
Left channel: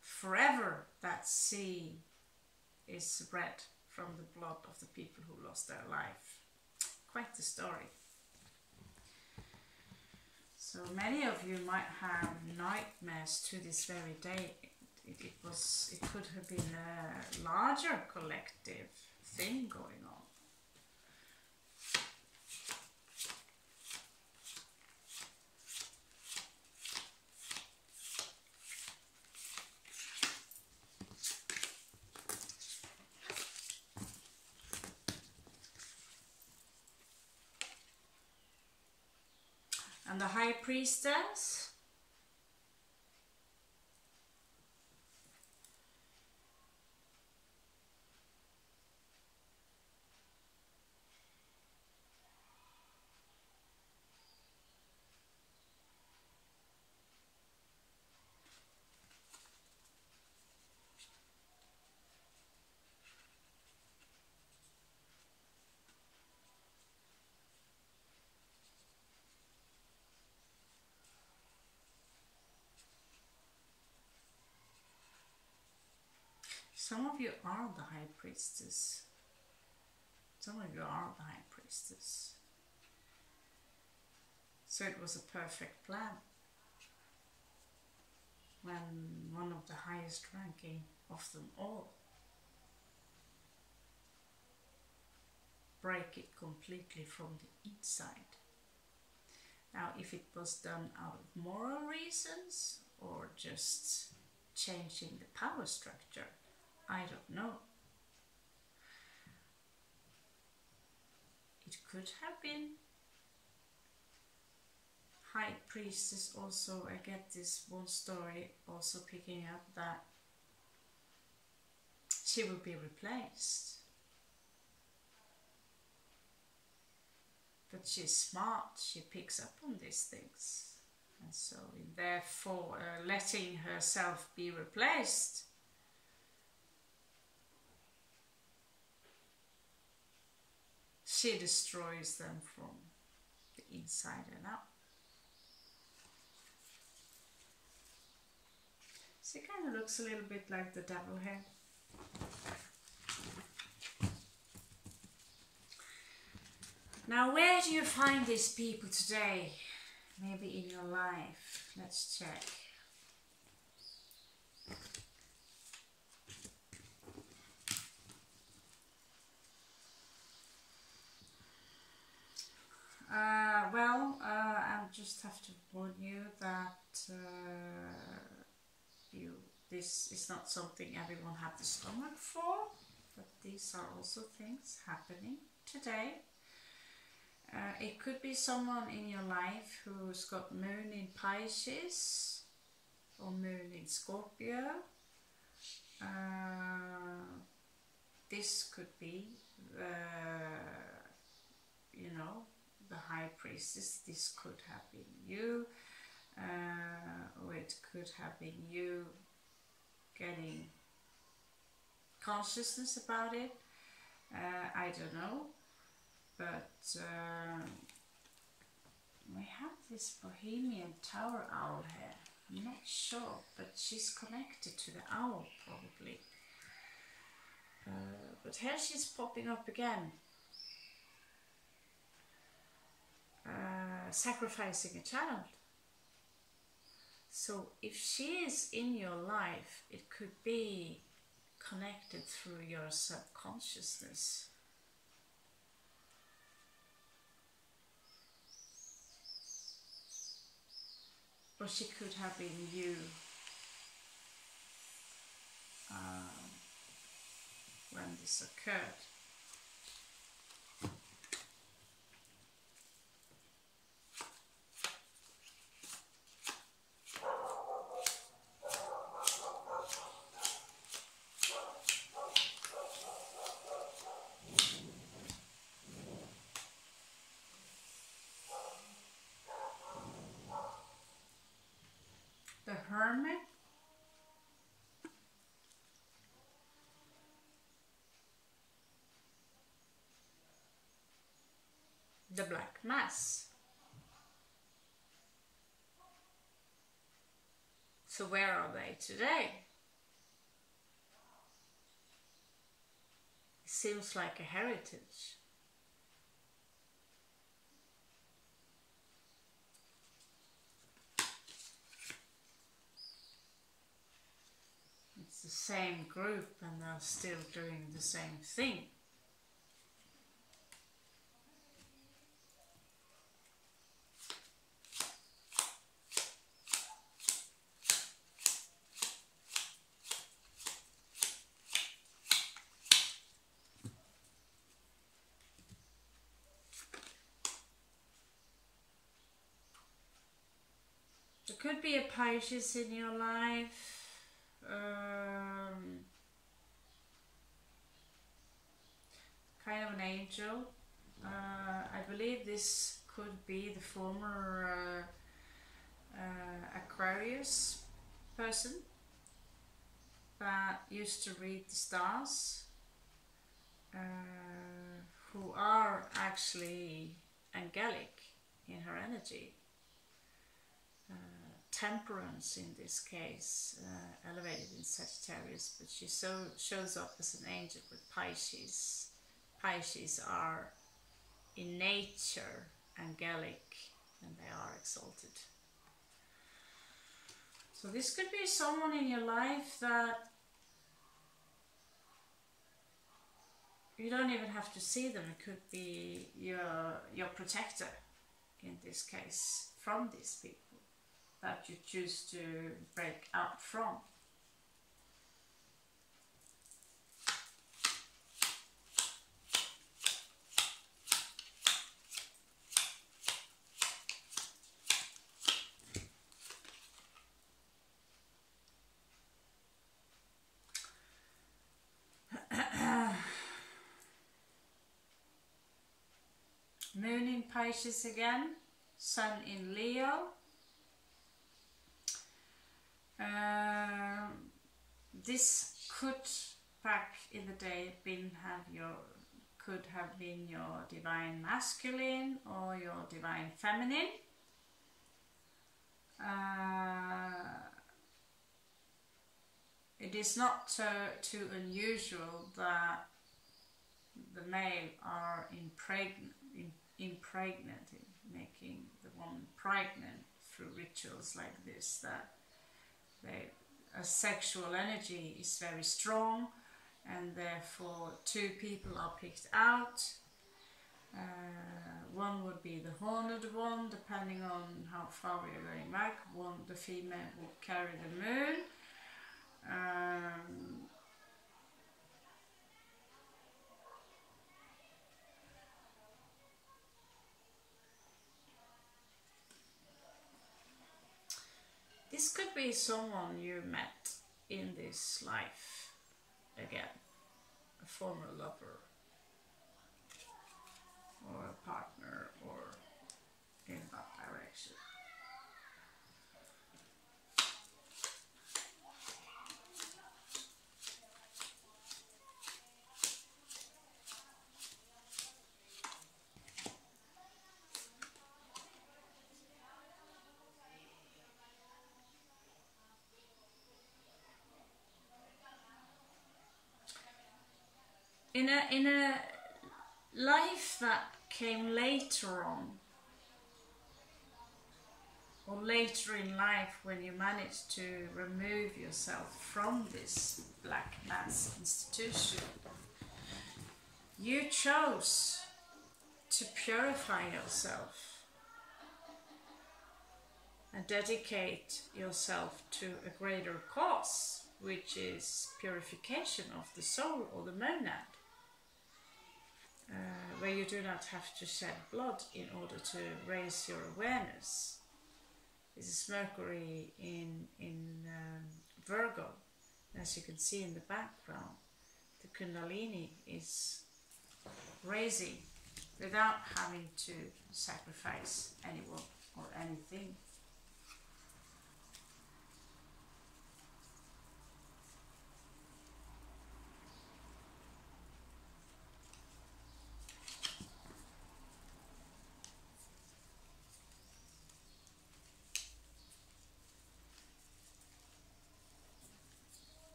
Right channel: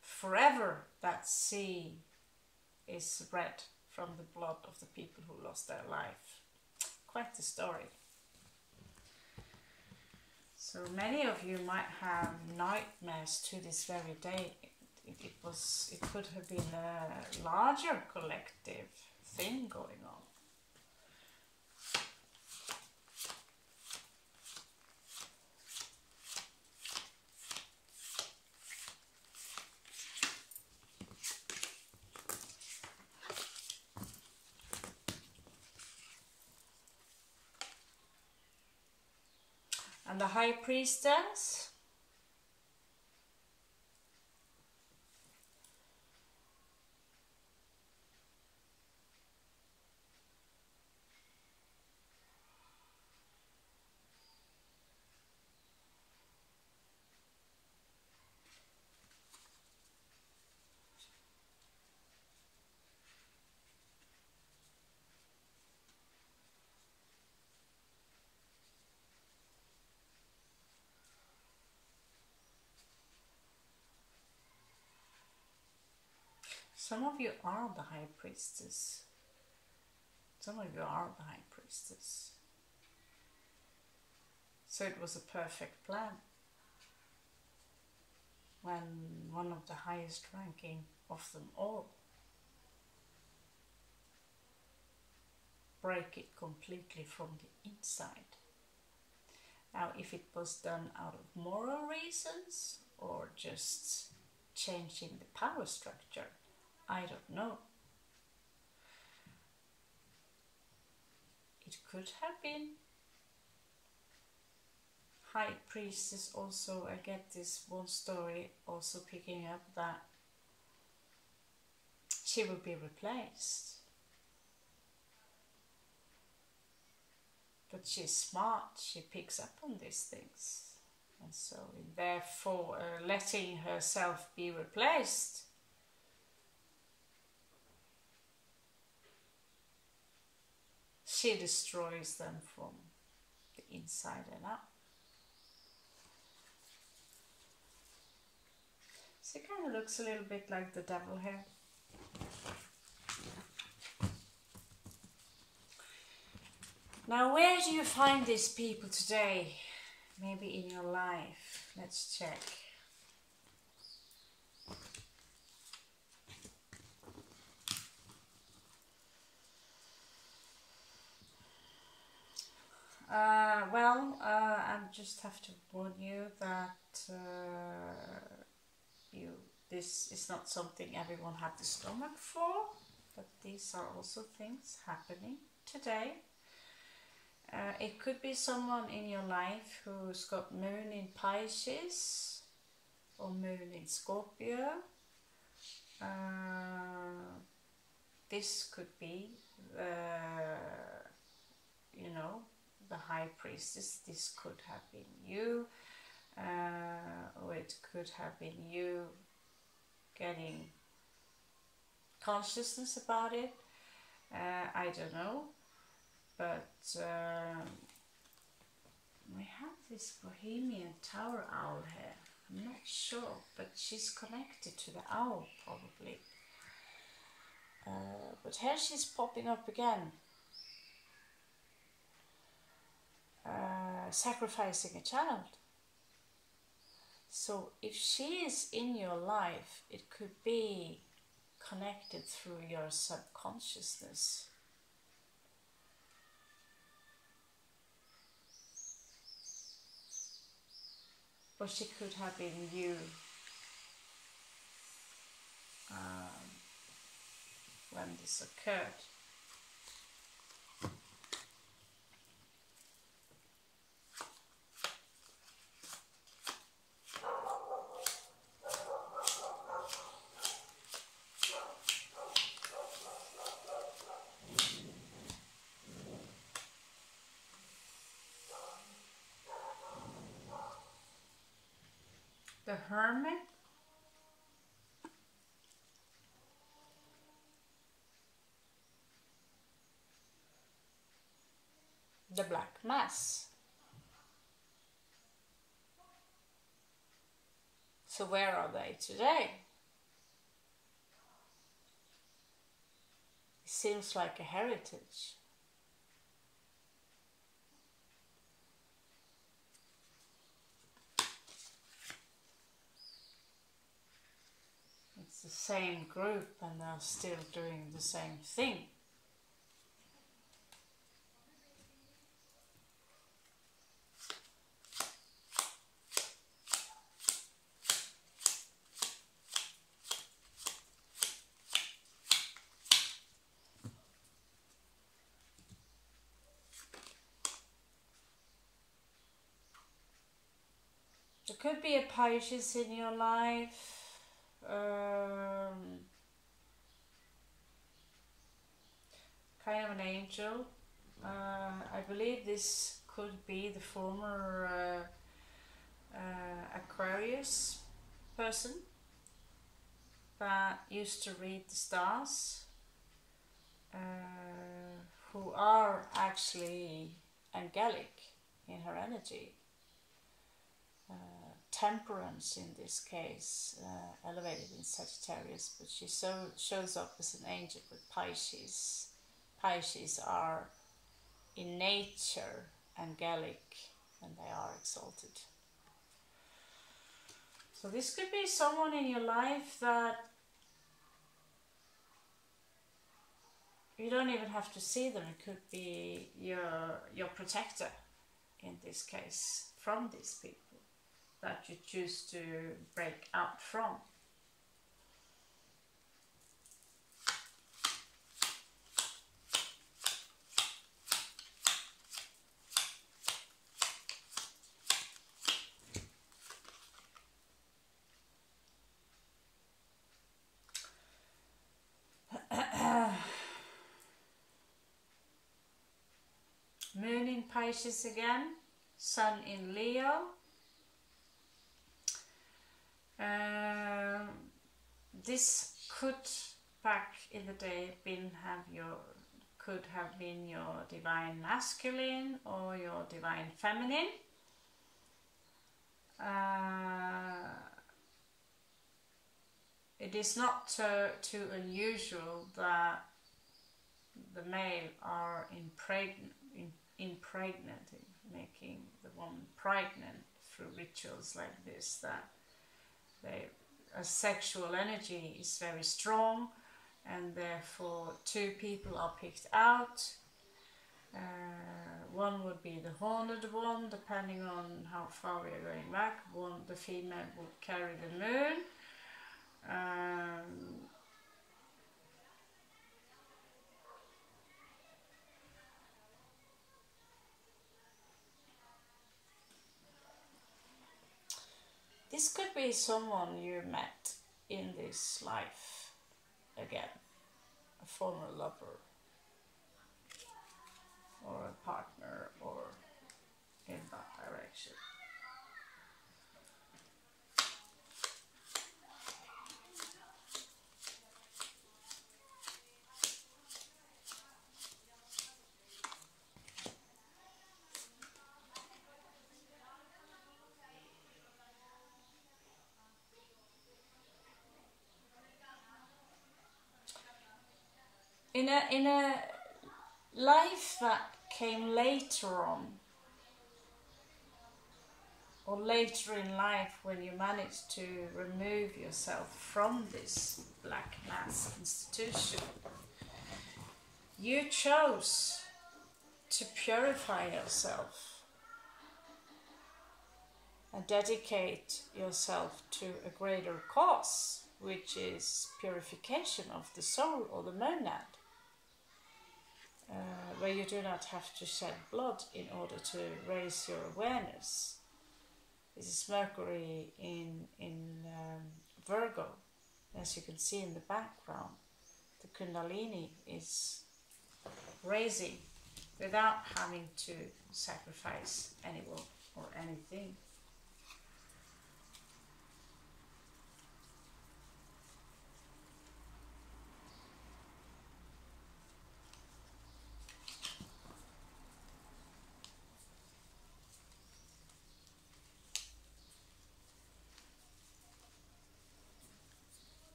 forever that sea is red from the blood of the people who lost their life. Quite the story. So many of you might have nightmares to this very day. It could have been a larger collective thing going on. And the High Priestess, some of you are the High Priestess. Some of you are the High Priestess. So it was a perfect plan. When one of the highest ranking of them all break it completely from the inside. Now, if it was done out of moral reasons or just changing the power structure, I don't know. It could have been High Priestess. Also, I get this one story also picking up that she will be replaced. But she's smart, she picks up on these things. And so, therefore, letting herself be replaced, she destroys them from the inside and out. She kind of looks a little bit like the devil here. Now, where do you find these people today? Maybe in your life. Let's check. I just have to warn you that this is not something everyone had the stomach for, but these are also things happening today. It could be someone in your life who's got moon in Pisces or moon in Scorpio. This could be the High Priestess. This could have been you, or it could have been you getting consciousness about it. I don't know, but we have this Bohemian Tower owl here. I'm not sure, but she's connected to the owl probably. But here she's popping up again. Sacrificing a child. So if she is in your life, it could be connected through your subconsciousness. Or she could have been you when this occurred. The Hermit. the black mass. So where are they today? It seems like a heritage. It's the same group and they're still doing the same thing. There could be a Pisces in your life. Kind of an angel. I believe this could be the former Aquarius person that used to read the stars, who are actually angelic in her energy. Temperance in this case, elevated in Sagittarius, but she shows up as an angel with Pisces. Pisces are in nature angelic and they are exalted. So this could be someone in your life that you don't even have to see them. It could be your protector in this case from these people that you choose to break out from. Moon in Pisces again, Sun in Leo. This could back in the day could have been your divine masculine or your divine feminine. It is not too unusual that the male are impregnating, making the woman pregnant through rituals like this, that a sexual energy is very strong, and therefore two people are picked out. One would be the horned one, depending on how far we are going back. The female will carry the moon. This could be someone you met in this life again, a former lover or a partner, or in that direction. In a life that came later on, or later in life, when you managed to remove yourself from this black mass institution, you chose to purify yourself and dedicate yourself to a greater cause, which is purification of the soul or the monad. Where you do not have to shed blood in order to raise your awareness. This is Mercury in Virgo. As you can see in the background, the Kundalini is raising without having to sacrifice anyone or anything.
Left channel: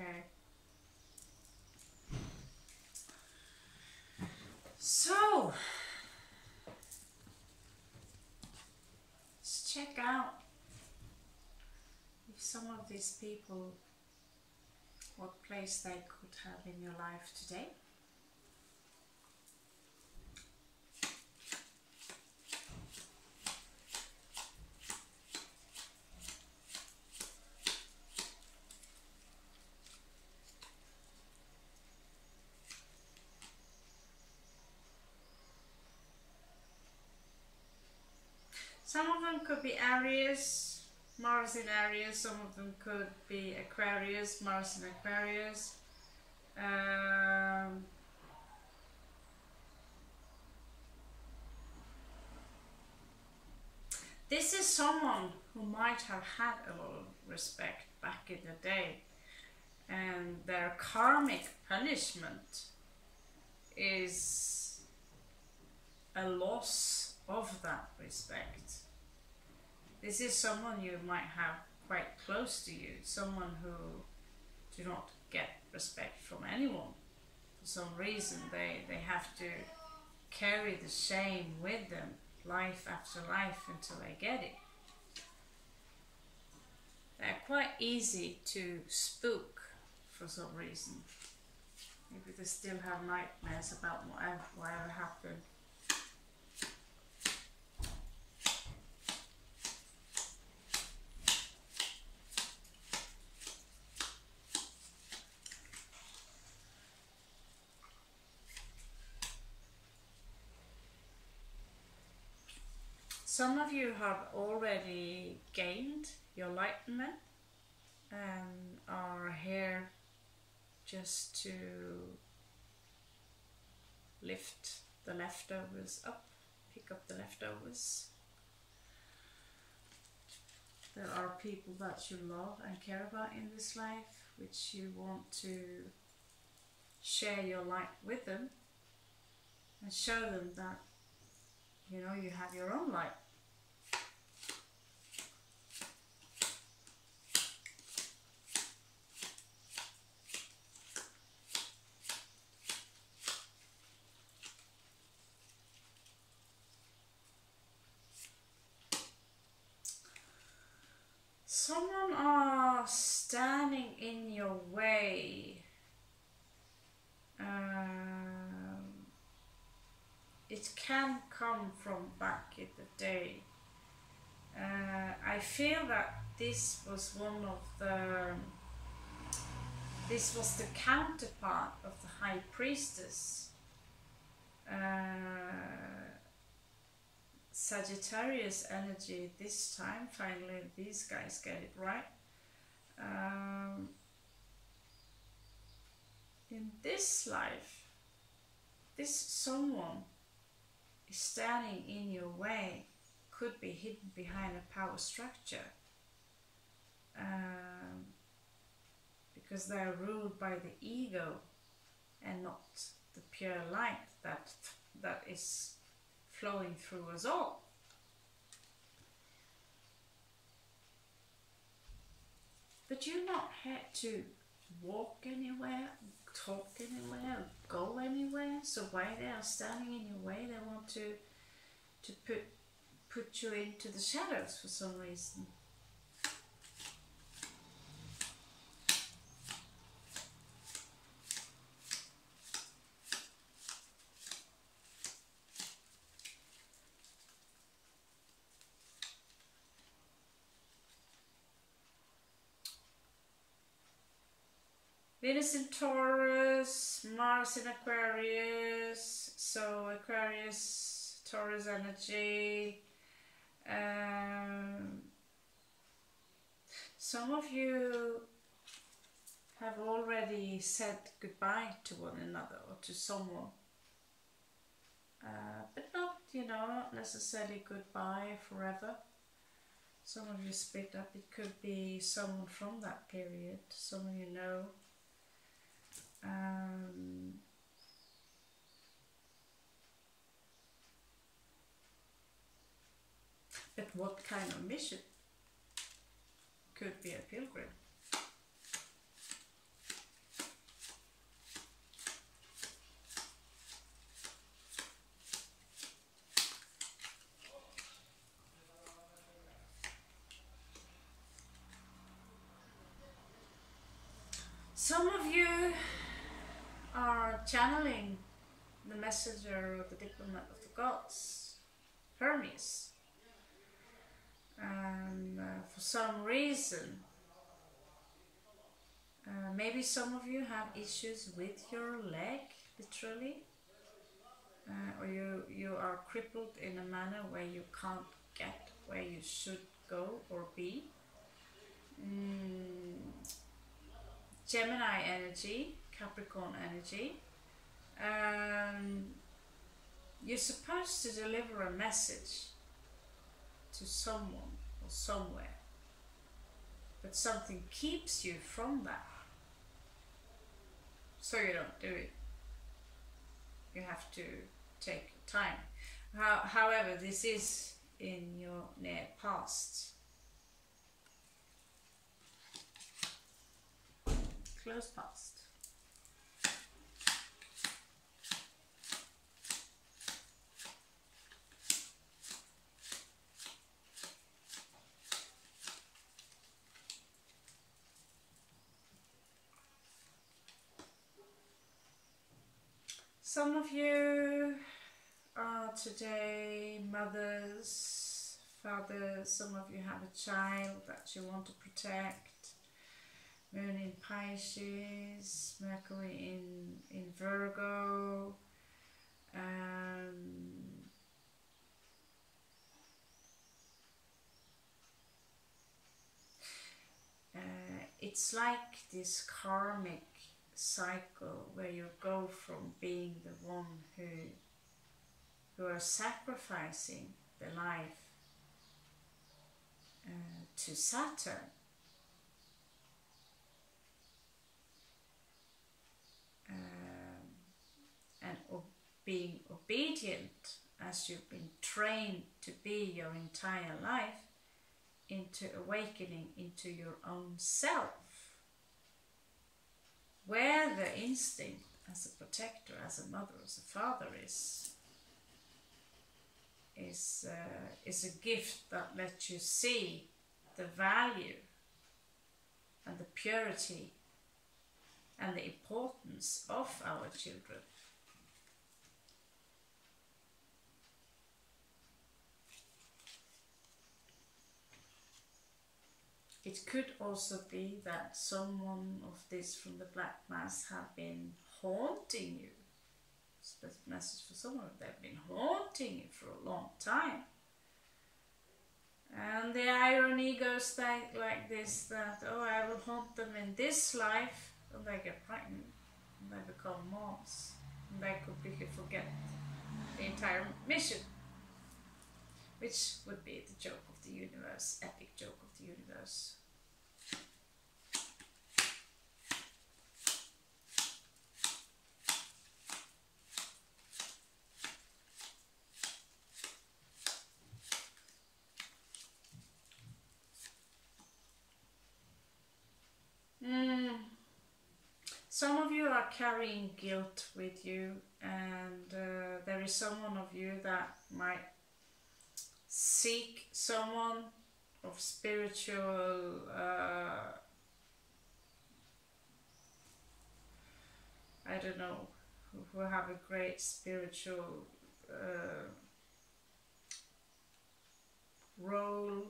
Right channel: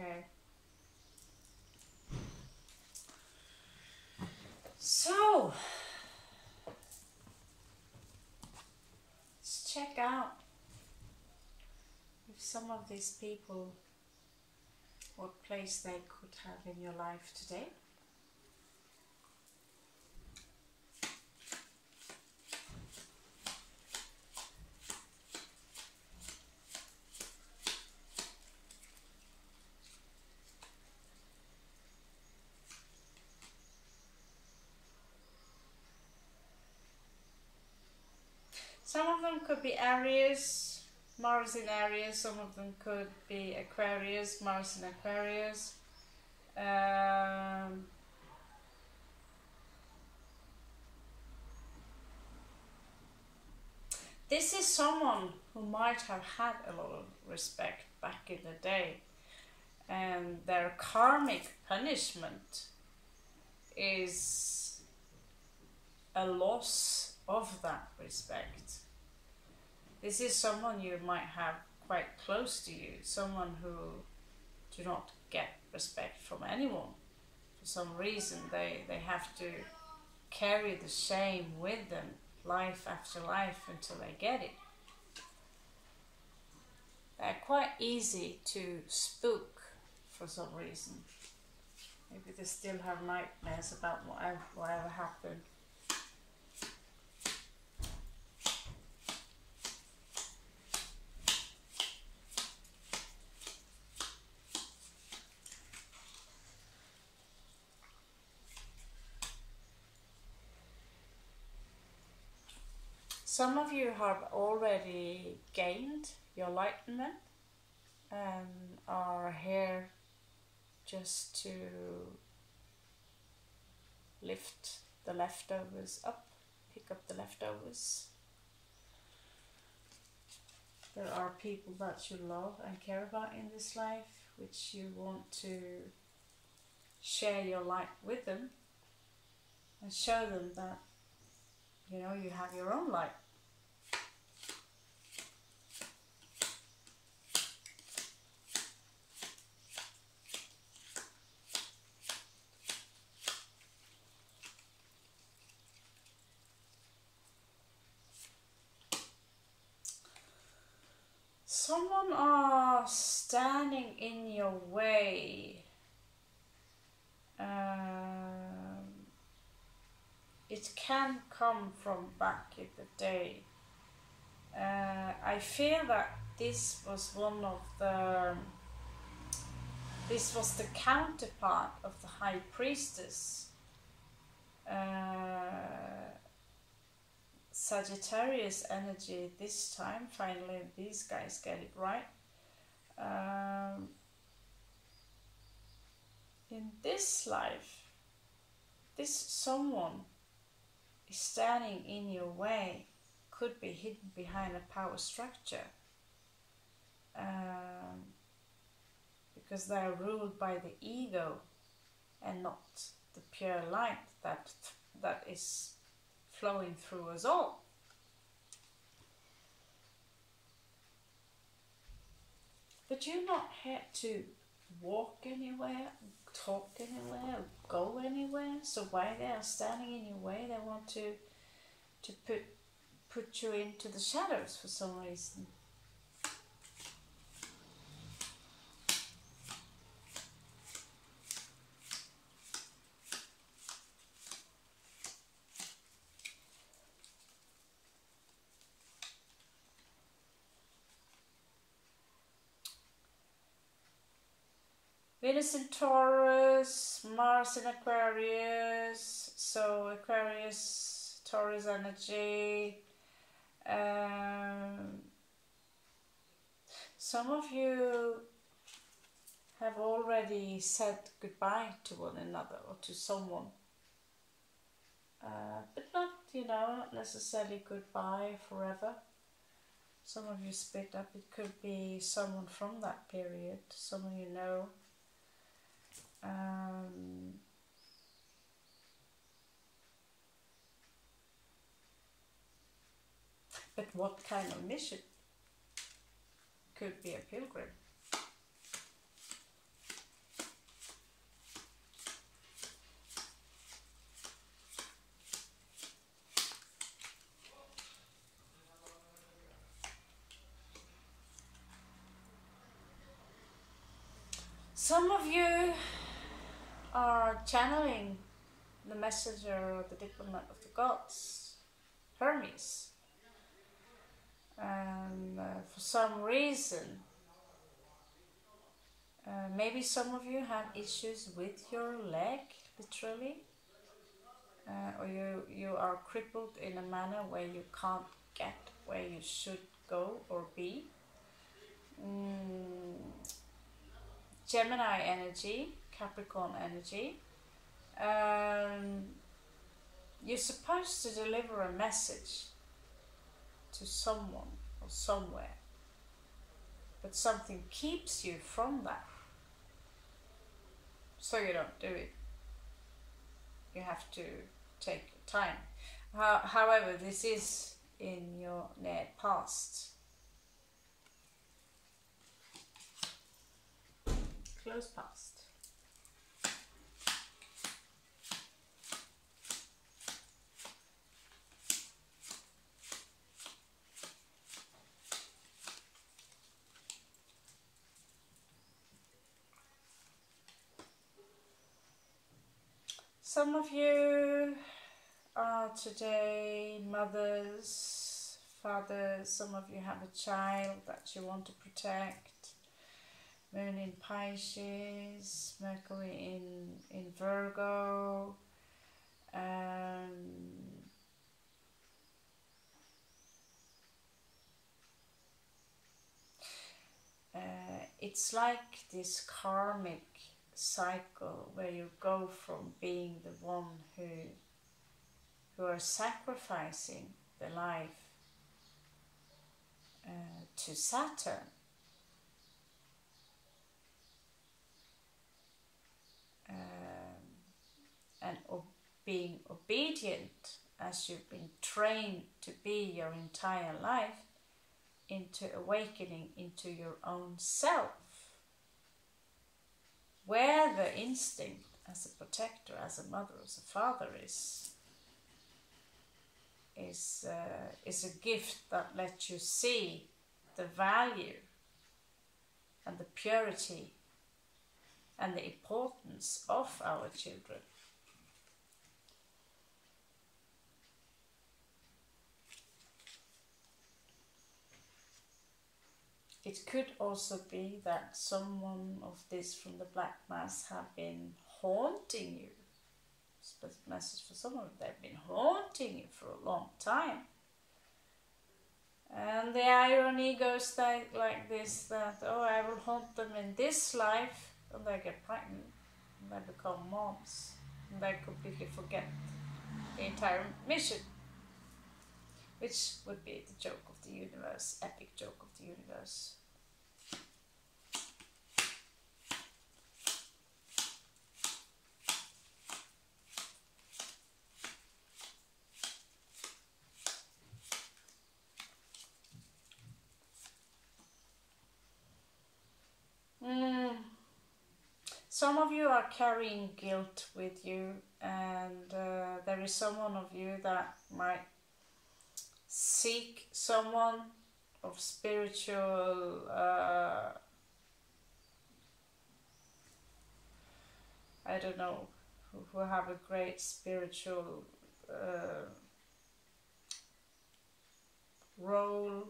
Okay. So, let's check out if some of these people, what place they could have in your life today. Some of them could be Aries, Mars in Aries. Some of them could be Aquarius, Mars in Aquarius. This is someone who might have had a lot of respect back in the day, and their karmic punishment is a loss of that respect. This is someone you might have quite close to you, someone who do not get respect from anyone. For some reason they have to carry the shame with them life after life until they get it. They're quite easy to spook for some reason. Maybe they still have nightmares about whatever happened. Some of you have already gained your enlightenment and are here just to lift the leftovers up, pick up the leftovers. There are people that you love and care about in this life, which you want to share your light with them and show them that, you know, you have your own light. Someone are standing in your way. It can come from back in the day. I feel that this was the counterpart of the High Priestess. Sagittarius energy this time. Finally these guys get it right. In this life, this someone is standing in your way, could be hidden behind a power structure, because they are ruled by the ego and not the pure light that is flowing through us all. But you're not here to walk anywhere, talk anywhere, go anywhere. So why they are standing in your way? They want to put you into the shadows for some reason. Venus in Taurus, Mars in Aquarius, so Aquarius, Taurus energy. Some of you have already said goodbye to one another or to someone, but not, you know, not necessarily goodbye forever. Some of you split up. It could be someone from that period, someone you know. But what kind of mission? Could be a pilgrim. Some of you are channeling the messenger or the diplomat of the gods, Hermes. And for some reason, maybe some of you have issues with your leg, literally, or you are crippled in a manner where you can't get where you should go or be. Gemini energy, Capricorn energy. You're supposed to deliver a message to someone or somewhere, but something keeps you from that, so you don't do it. You have to take your time. However, this is in your near past. Close past. Some of you are today mothers, fathers. Some of you have a child that you want to protect. Moon in Pisces, Mercury in Virgo, it's like this karmic cycle where you go from being the one who are sacrificing the life to Saturn. And being obedient as you've been trained to be your entire life, into awakening into your own self, where the instinct as a protector, as a mother, as a father is a gift that lets you see the value and the purity and the importance of our children. It could also be that someone of this from the Black Mass have been haunting you. Special message for someone, they've been haunting you for a long time. And the irony goes like this, that, oh, I will haunt them in this life, and they get pregnant, and they become moms, and they completely forget the entire mission, which would be the joke of the universe, epic joke of the universe. Some of you are carrying guilt with you, and there is someone of you that might seek someone of spiritual I don't know, who have a great spiritual role,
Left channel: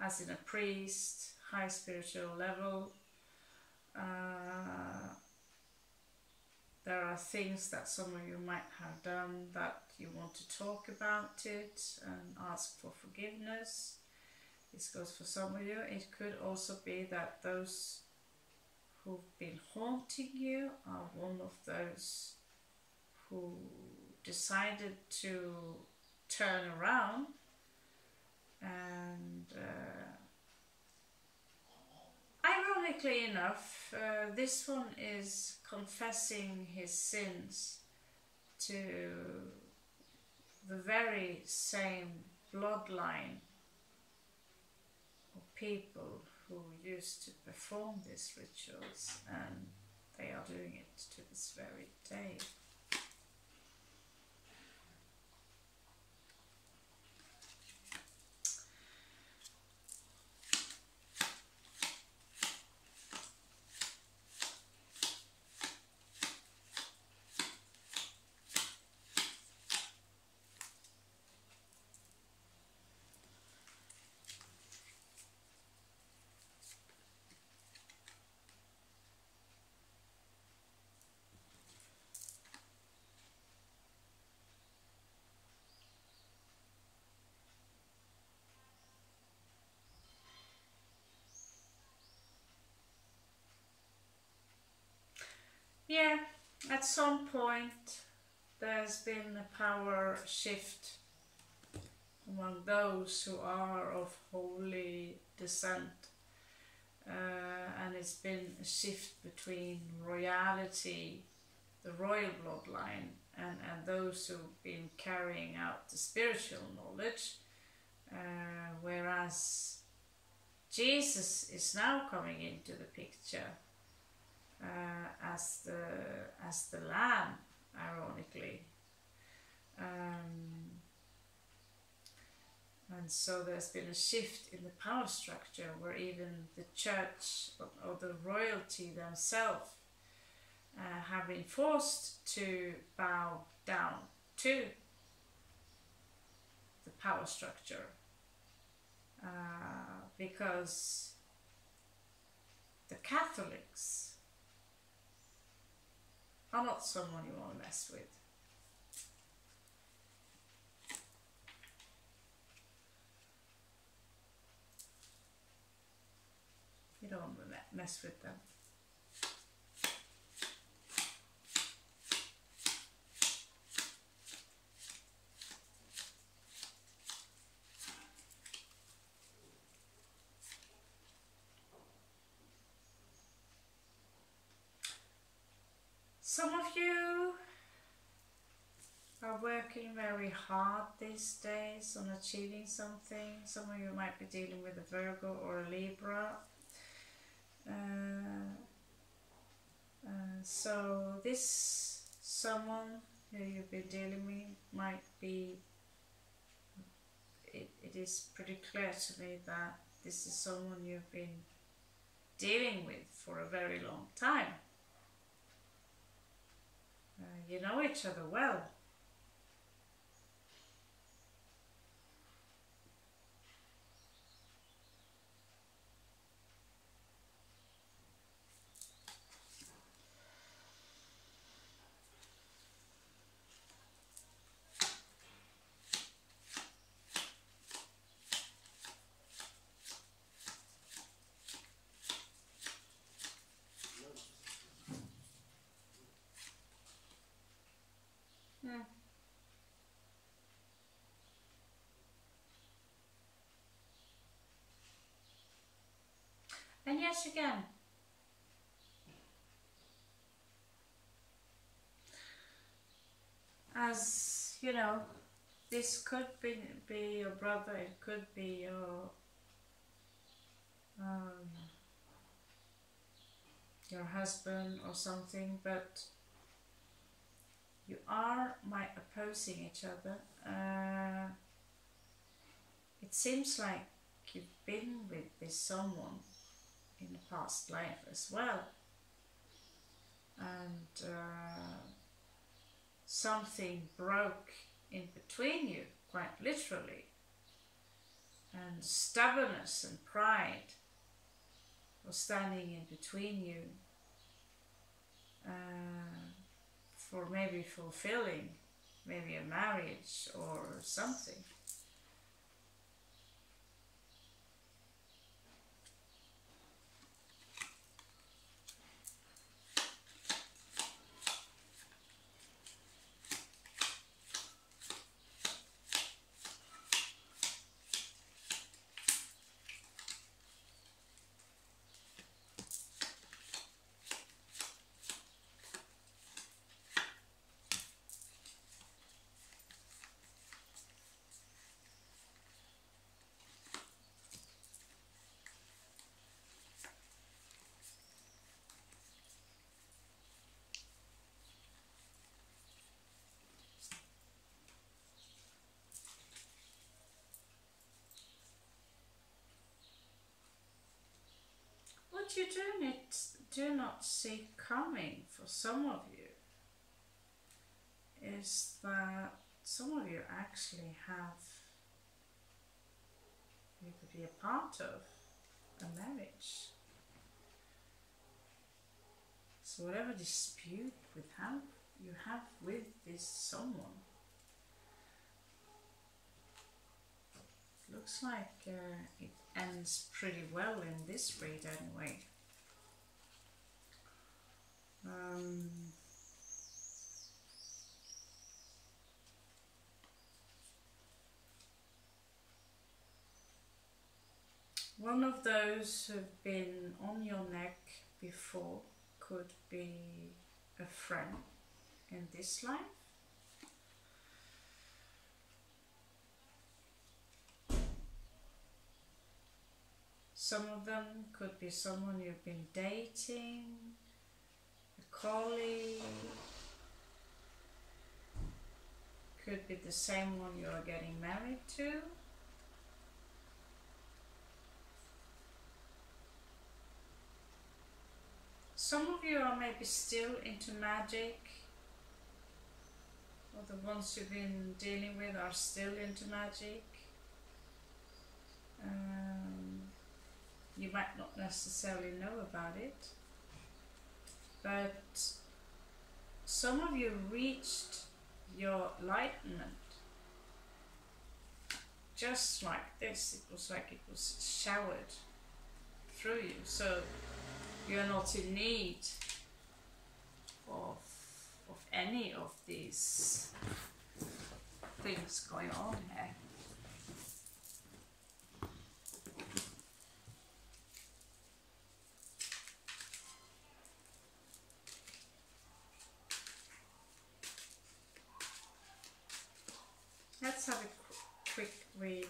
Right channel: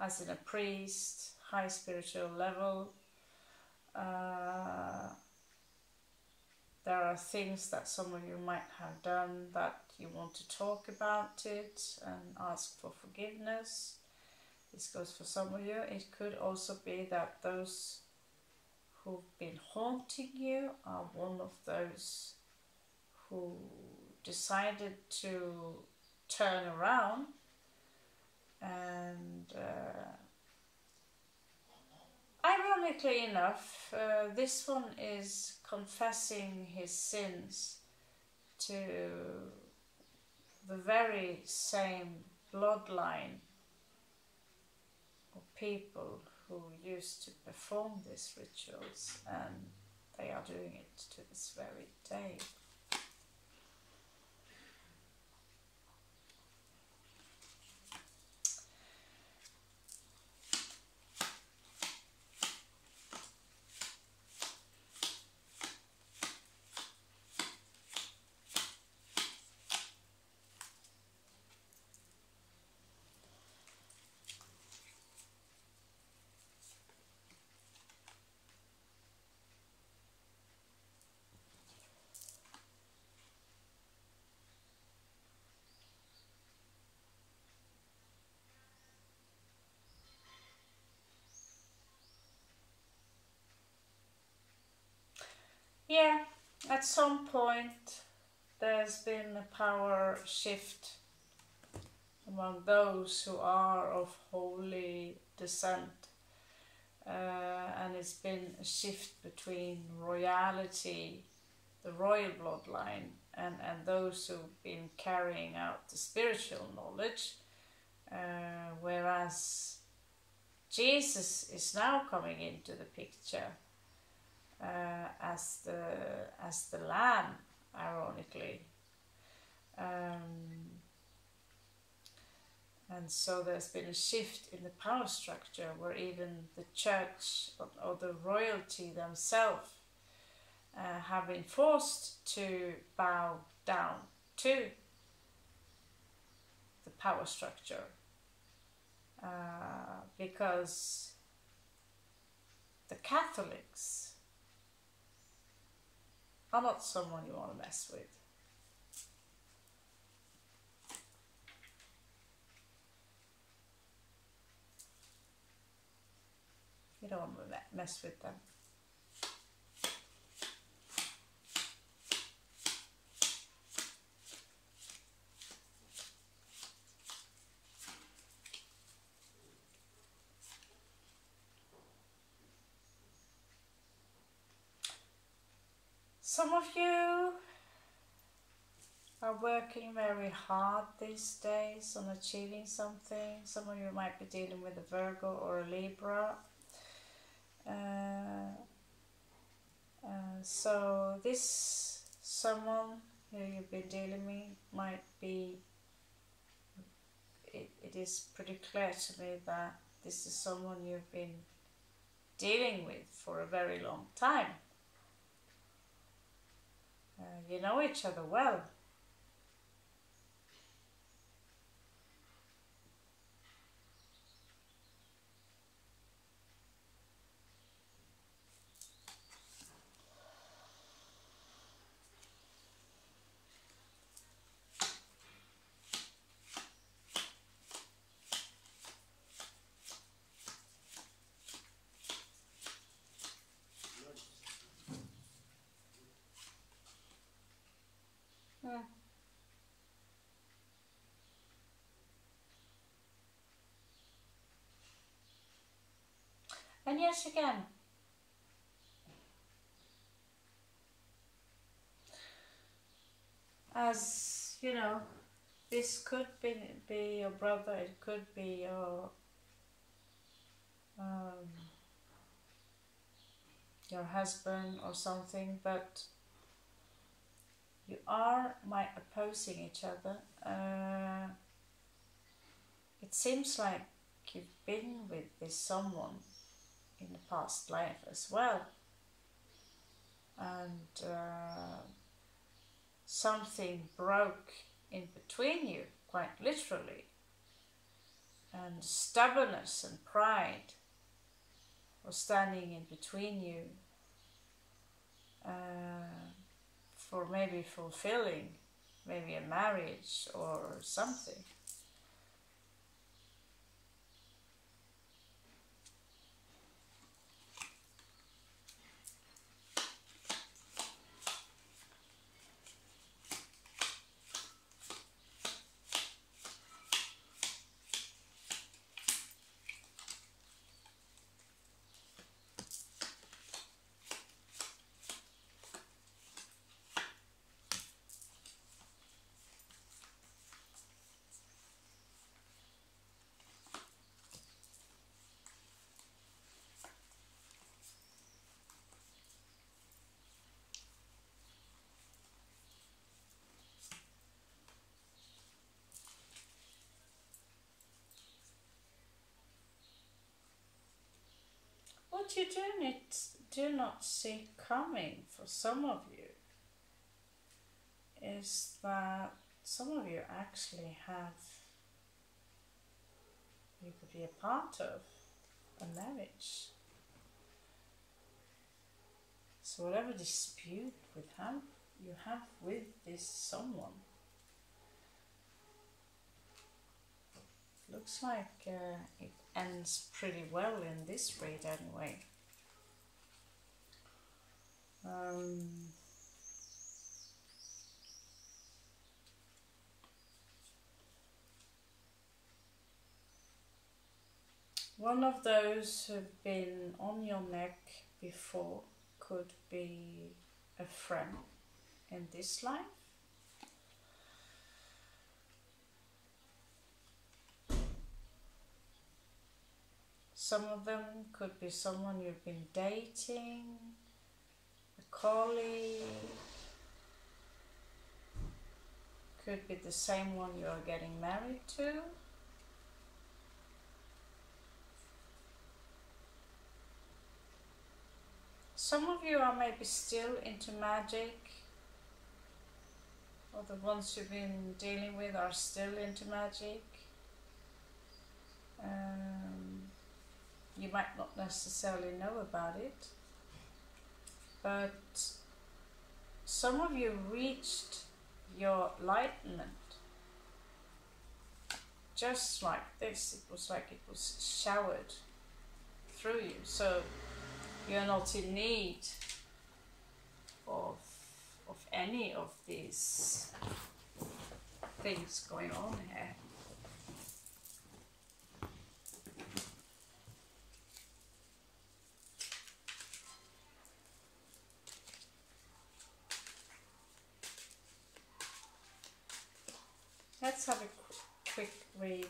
as in a priest, high spiritual level. There are things that some of you might have done that you want to talk about it and ask for forgiveness. This goes for some of you. It could also be that those who've been haunting you are one of those who decided to turn around and ironically enough, this one is confessing his sins to the very same bloodline of people who used to perform these rituals, and they are doing it to this very day. Yeah, at some point there's been a power shift among those who are of holy descent, and it's been a shift between royalty, the royal bloodline, and those who've been carrying out the spiritual knowledge, whereas Jesus is now coming into the picture as the Lamb, ironically. And so there's been a shift in the power structure where even the church or the royalty themselves have been forced to bow down to the power structure, because the Catholics are not someone you want to mess with. You don't want to mess with them. Some of you are working very hard these days on achieving something. Some of you might be dealing with a Virgo or a Libra. So this someone who you've been dealing with might be, it is pretty clear to me that this is someone you've been dealing with for a very long time. You know each other well. And yes, again, as you know, this could be your brother, it could be your husband or something, but you might opposing each other. It seems like you've been with this someone in the past life as well, and something broke in between you, quite literally, and stubbornness and pride was standing in between you, for maybe fulfilling maybe a marriage or something. What you do not see coming for some of you is that some of you actually you could be a part of a marriage. So whatever dispute you have with this someone, looks like it ends pretty well in this read anyway. One of those who've been on your neck before could be a friend in this life. Some of them could be someone you've been dating, a colleague, could be the same one you are getting married to. Some of you are maybe still into magic, or the ones you've been dealing with are still into magic. You might not necessarily know about it, but some of you reached your enlightenment just like this. It was like it was showered through you, so you're not in need of any of these things going on here. Let's have a quick read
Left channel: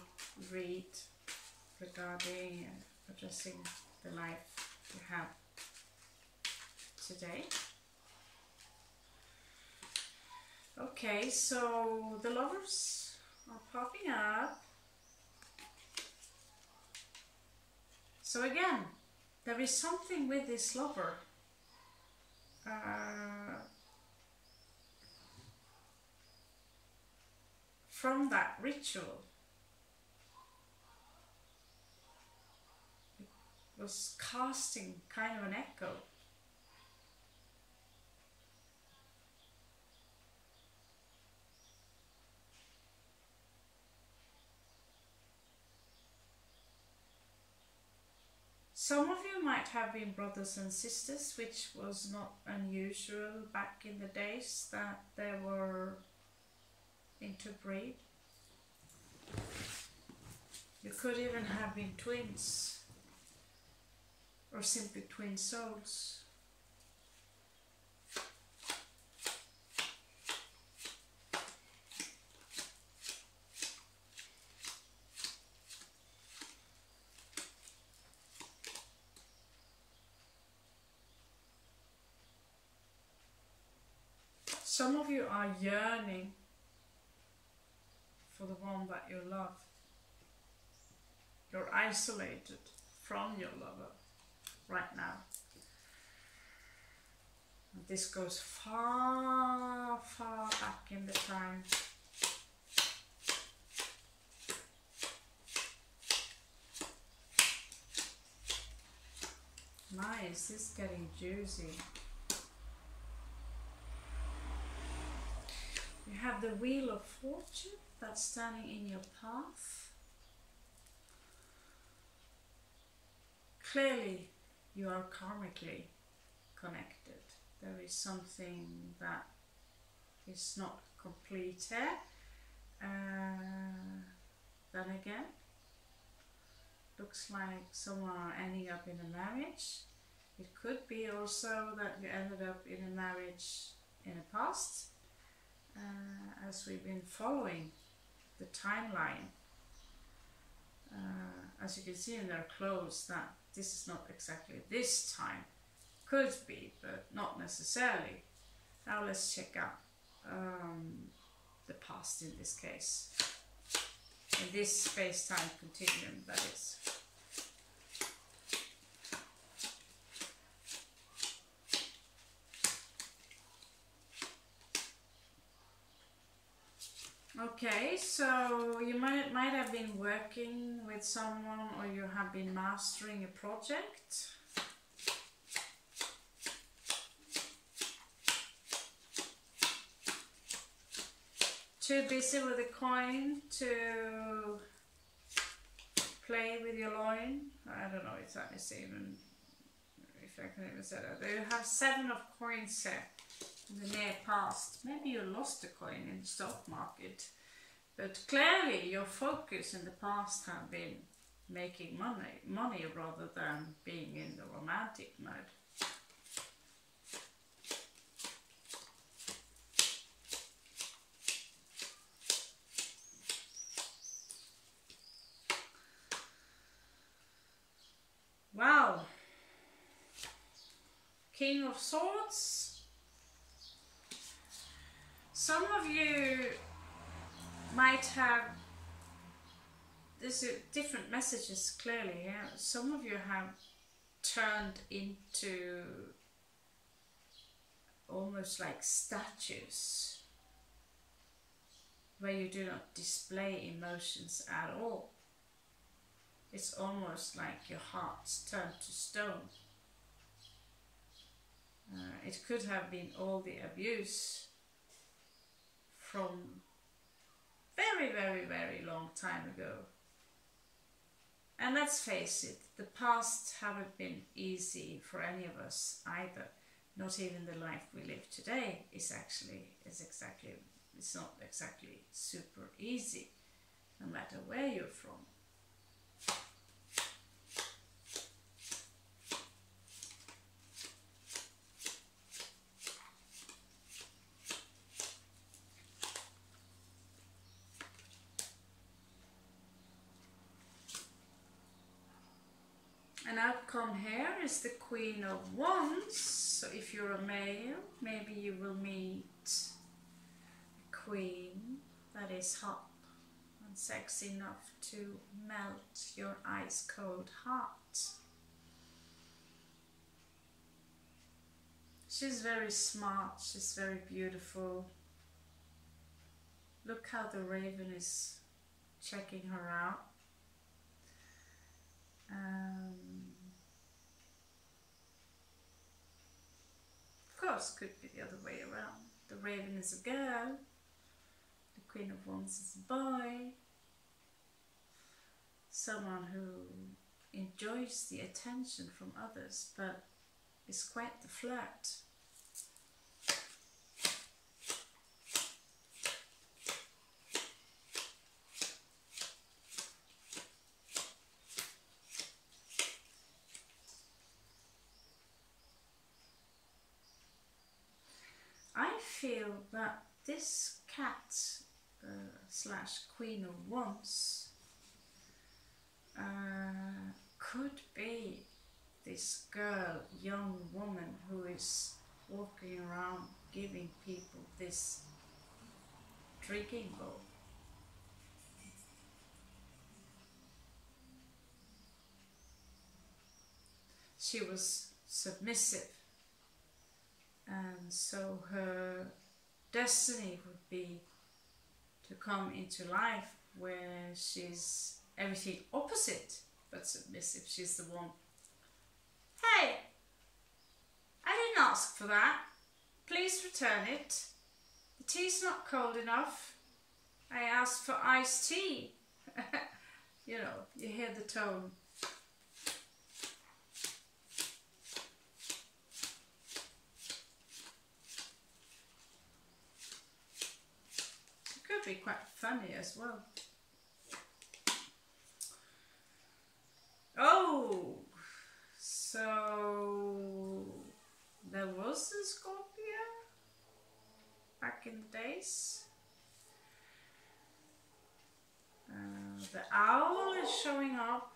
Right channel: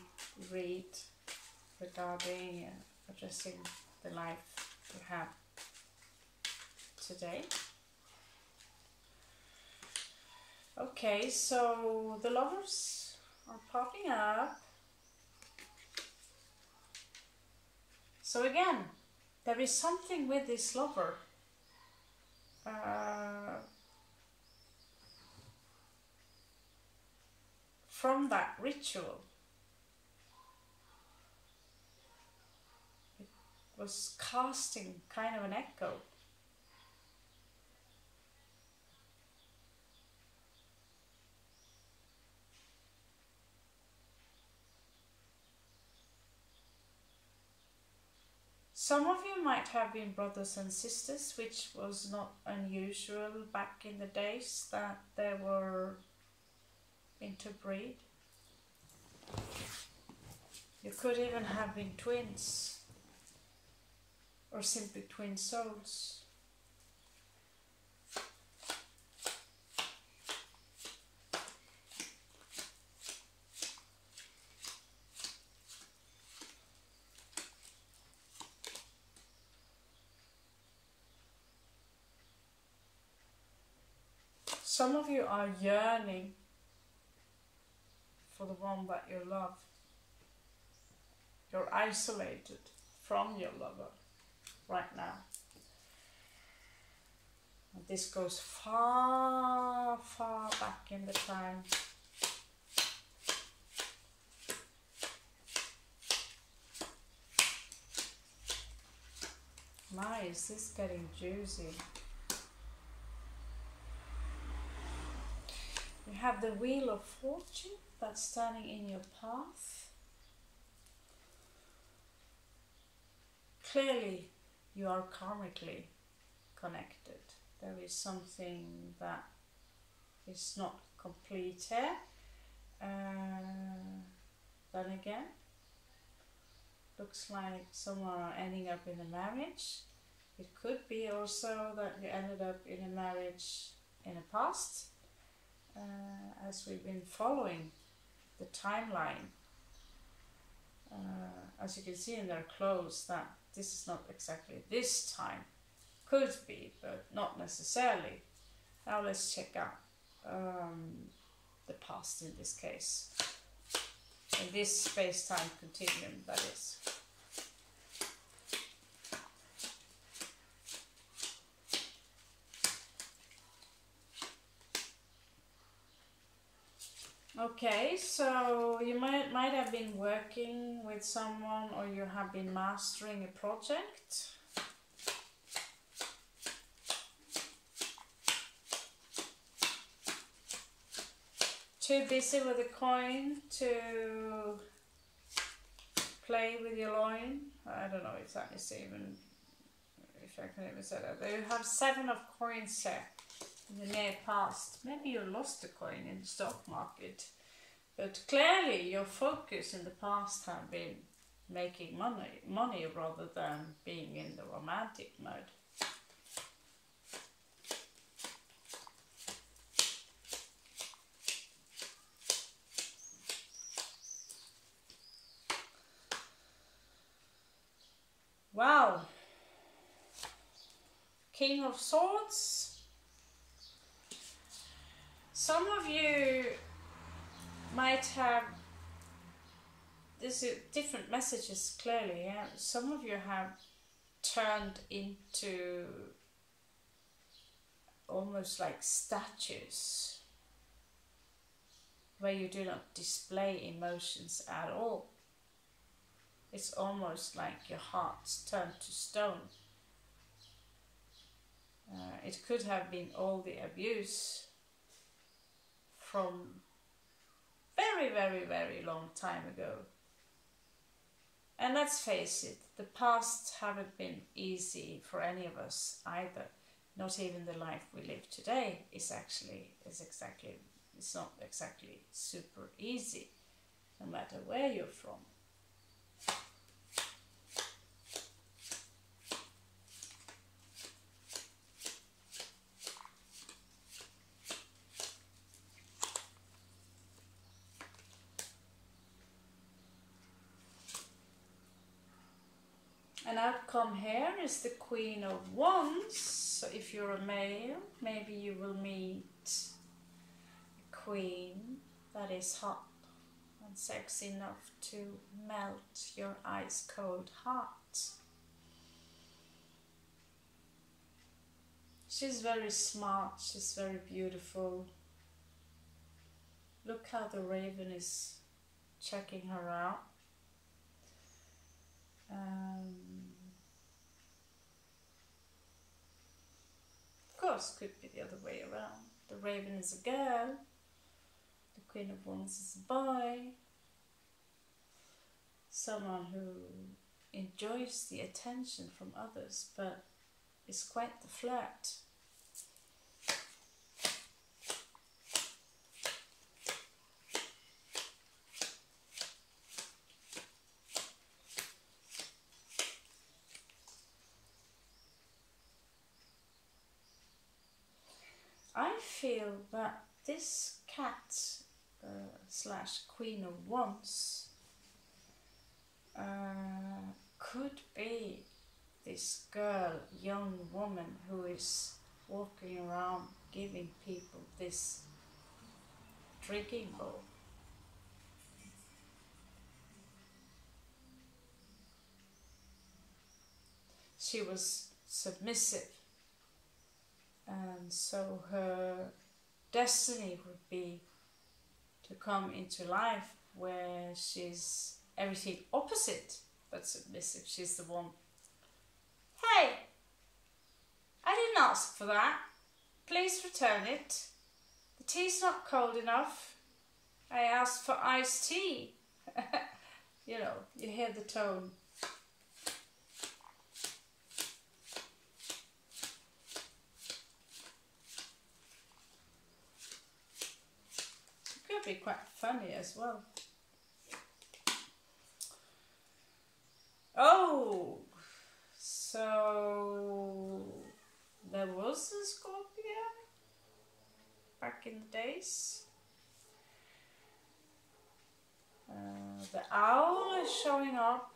regarding and addressing the life you have today. Okay, so the lovers are popping up. So again, there is something with this lover. From that ritual, it was casting kind of an echo. Some of you might have been brothers and sisters, which was not unusual back in the days that they were interbreed. You could even have been twins, or simply twin souls. Some of you are yearning for the one that you love. You're isolated from your lover right now. And this goes far, far back in the time. My, is this getting juicy? You have the Wheel of Fortune that's standing in your path. Clearly, you are karmically connected. There is something that is not complete here. Then again, looks like someone are ending up in a marriage. It could be also that you ended up in a marriage in the past. As we've been following the timeline, as you can see in their clothes, that this is not exactly this time. Could be, but not necessarily. Now let's check out the past in this case. In this space-time continuum, that is. Okay, so you might have been working with someone, or you have been mastering a project. Too busy with the coin to play with your loin. I don't know exactly even if if I can even say that. You have 7 of coins here in the near past. Maybe you lost a coin in the stock market. But clearly your focus in the past have been making money rather than being in the romantic mode. Wow. King of Swords. Some of you might have, there's different messages clearly, yeah. Some of you have turned into almost like statues where you do not display emotions at all. It's almost like your heart's turned to stone. It could have been all the abuse from very, very, very long time ago. And let's face it, the past haven't been easy for any of us either. Not even the life we live today is not exactly super easy, no matter where you're from. An outcome here is the Queen of Wands. So if you're a male, maybe you will meet a queen that is hot and sexy enough to melt your ice cold heart. She's very smart, she's very beautiful. Look how the raven is checking her out. Of course, could be the other way around. The raven is a girl, the Queen of Wands is a boy. Someone who enjoys the attention from others, but is quite the flirt. I feel that this cat slash Queen of Wands could be this girl, young woman who is walking around giving people this drinking bowl. She was submissive, and so her destiny would be to come into life where she's everything opposite but submissive. She's the one, hey, I didn't ask for that, please return it, the tea's not cold enough, I asked for iced tea. You know, you hear the tone. Be quite funny as well. Oh, so there was a Scorpio back in the days. The owl is showing up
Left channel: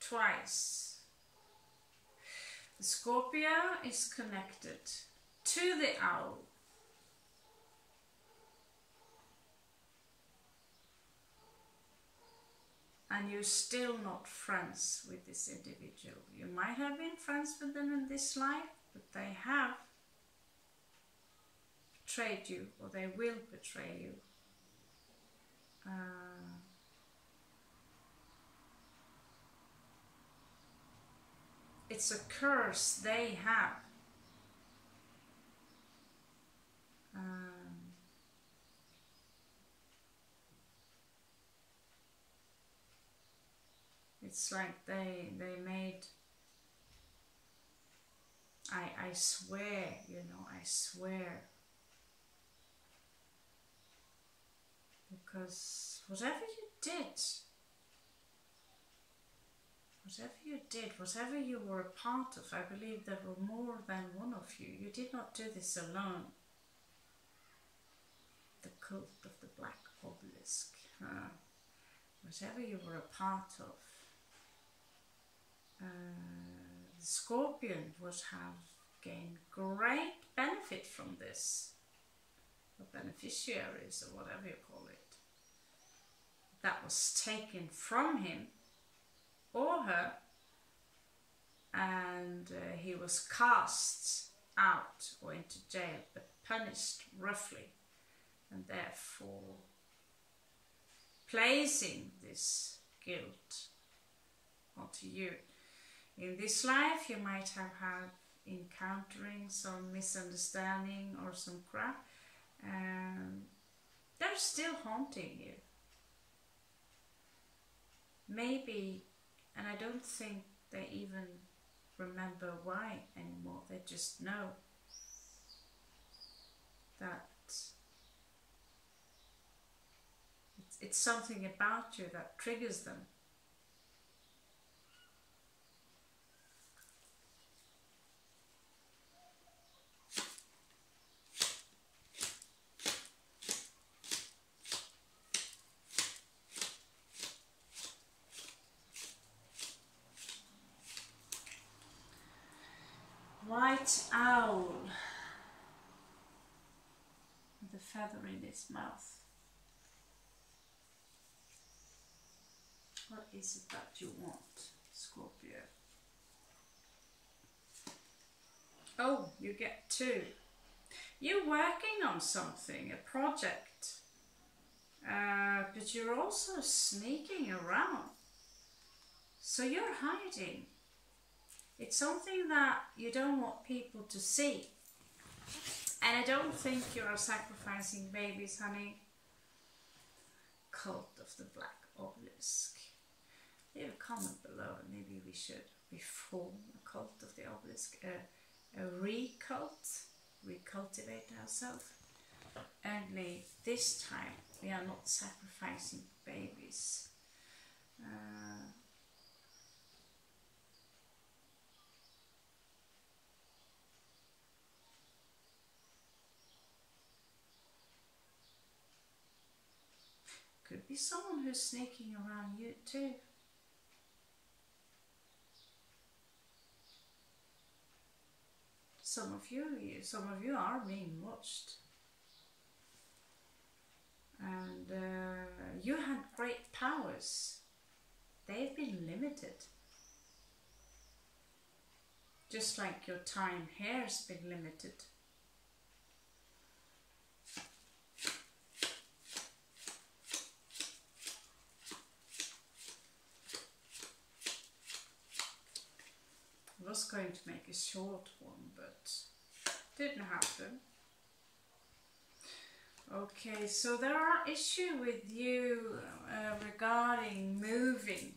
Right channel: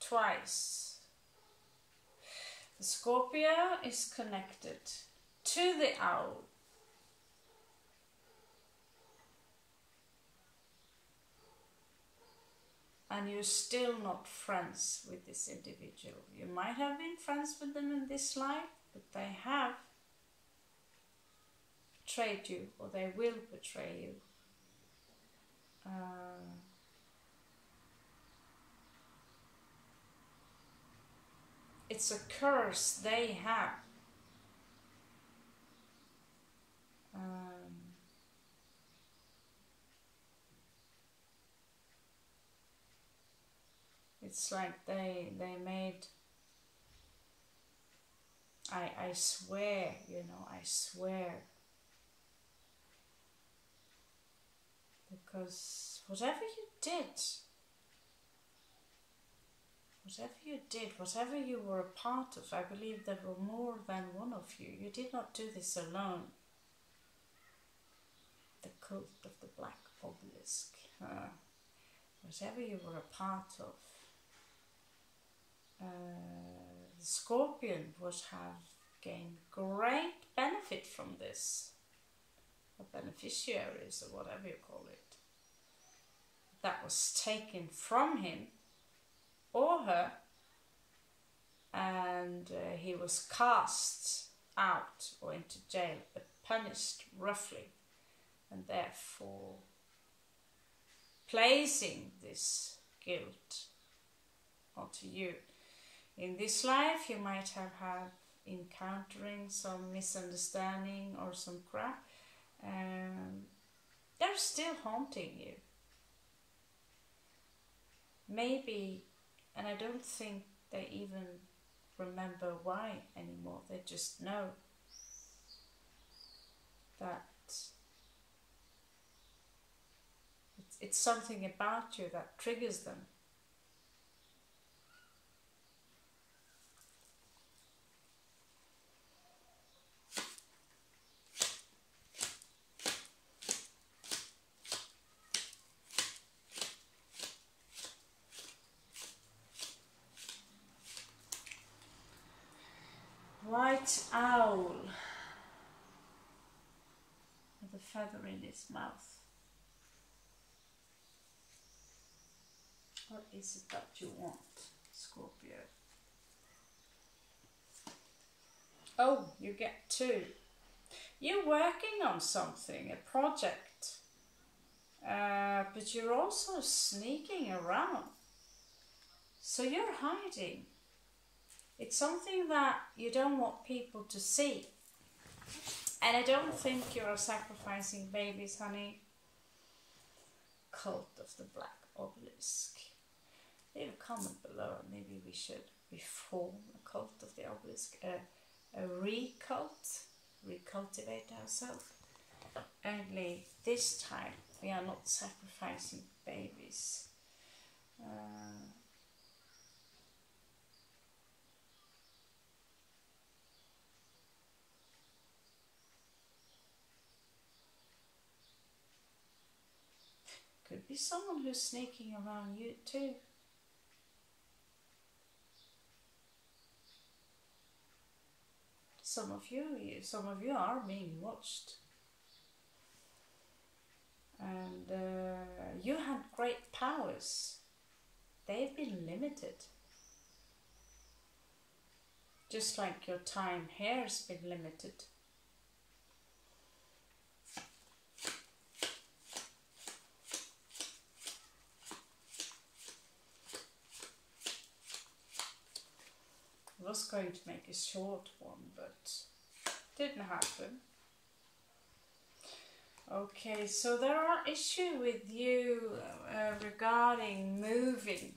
twice. The Scorpio is connected to the owl. And you're still not friends with this individual. You might have been friends with them in this life, but they have betrayed you, or they will betray you. It's a curse they have. It's like they made I swear, you know, I swear. Because whatever you did, whatever you were a part of, I believe there were more than one of you. You did not do this alone. The cult of the Black Obelisk. Whatever you were a part of, the Scorpion would have gained great benefit from this. Or beneficiaries, or whatever you call it. That was taken from him or her, and he was cast out or into jail, but punished roughly, and therefore placing this guilt onto you. In this life you might have had encountering some misunderstanding or some crap, and they're still haunting you. Maybe, and I don't think they even remember why anymore, they just know that it's something about you that triggers them. White owl with a feather in its mouth. What is it that you want, Scorpio? Oh, you get two. You're working on something, a project, but you're also sneaking around. So you're hiding. It's something that you don't want people to see. And I don't think you're sacrificing babies, honey. Cult of the Black Obelisk. Leave a comment below and maybe we should reform a cult of the obelisk, a recultivate ourselves. Only this time we are not sacrificing babies. Could be someone who's sneaking around you too. Some of you are being watched. And you had great powers. They've been limited. Just like your time here has been limited. I was going to make a short one, but didn't happen. Okay, so there are issues with you regarding moving.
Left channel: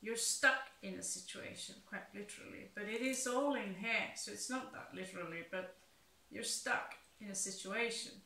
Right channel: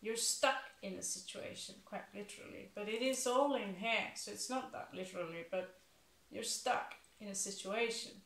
You're stuck in a situation, quite literally, but it is all in here, so it's not that literally, but you're stuck in a situation.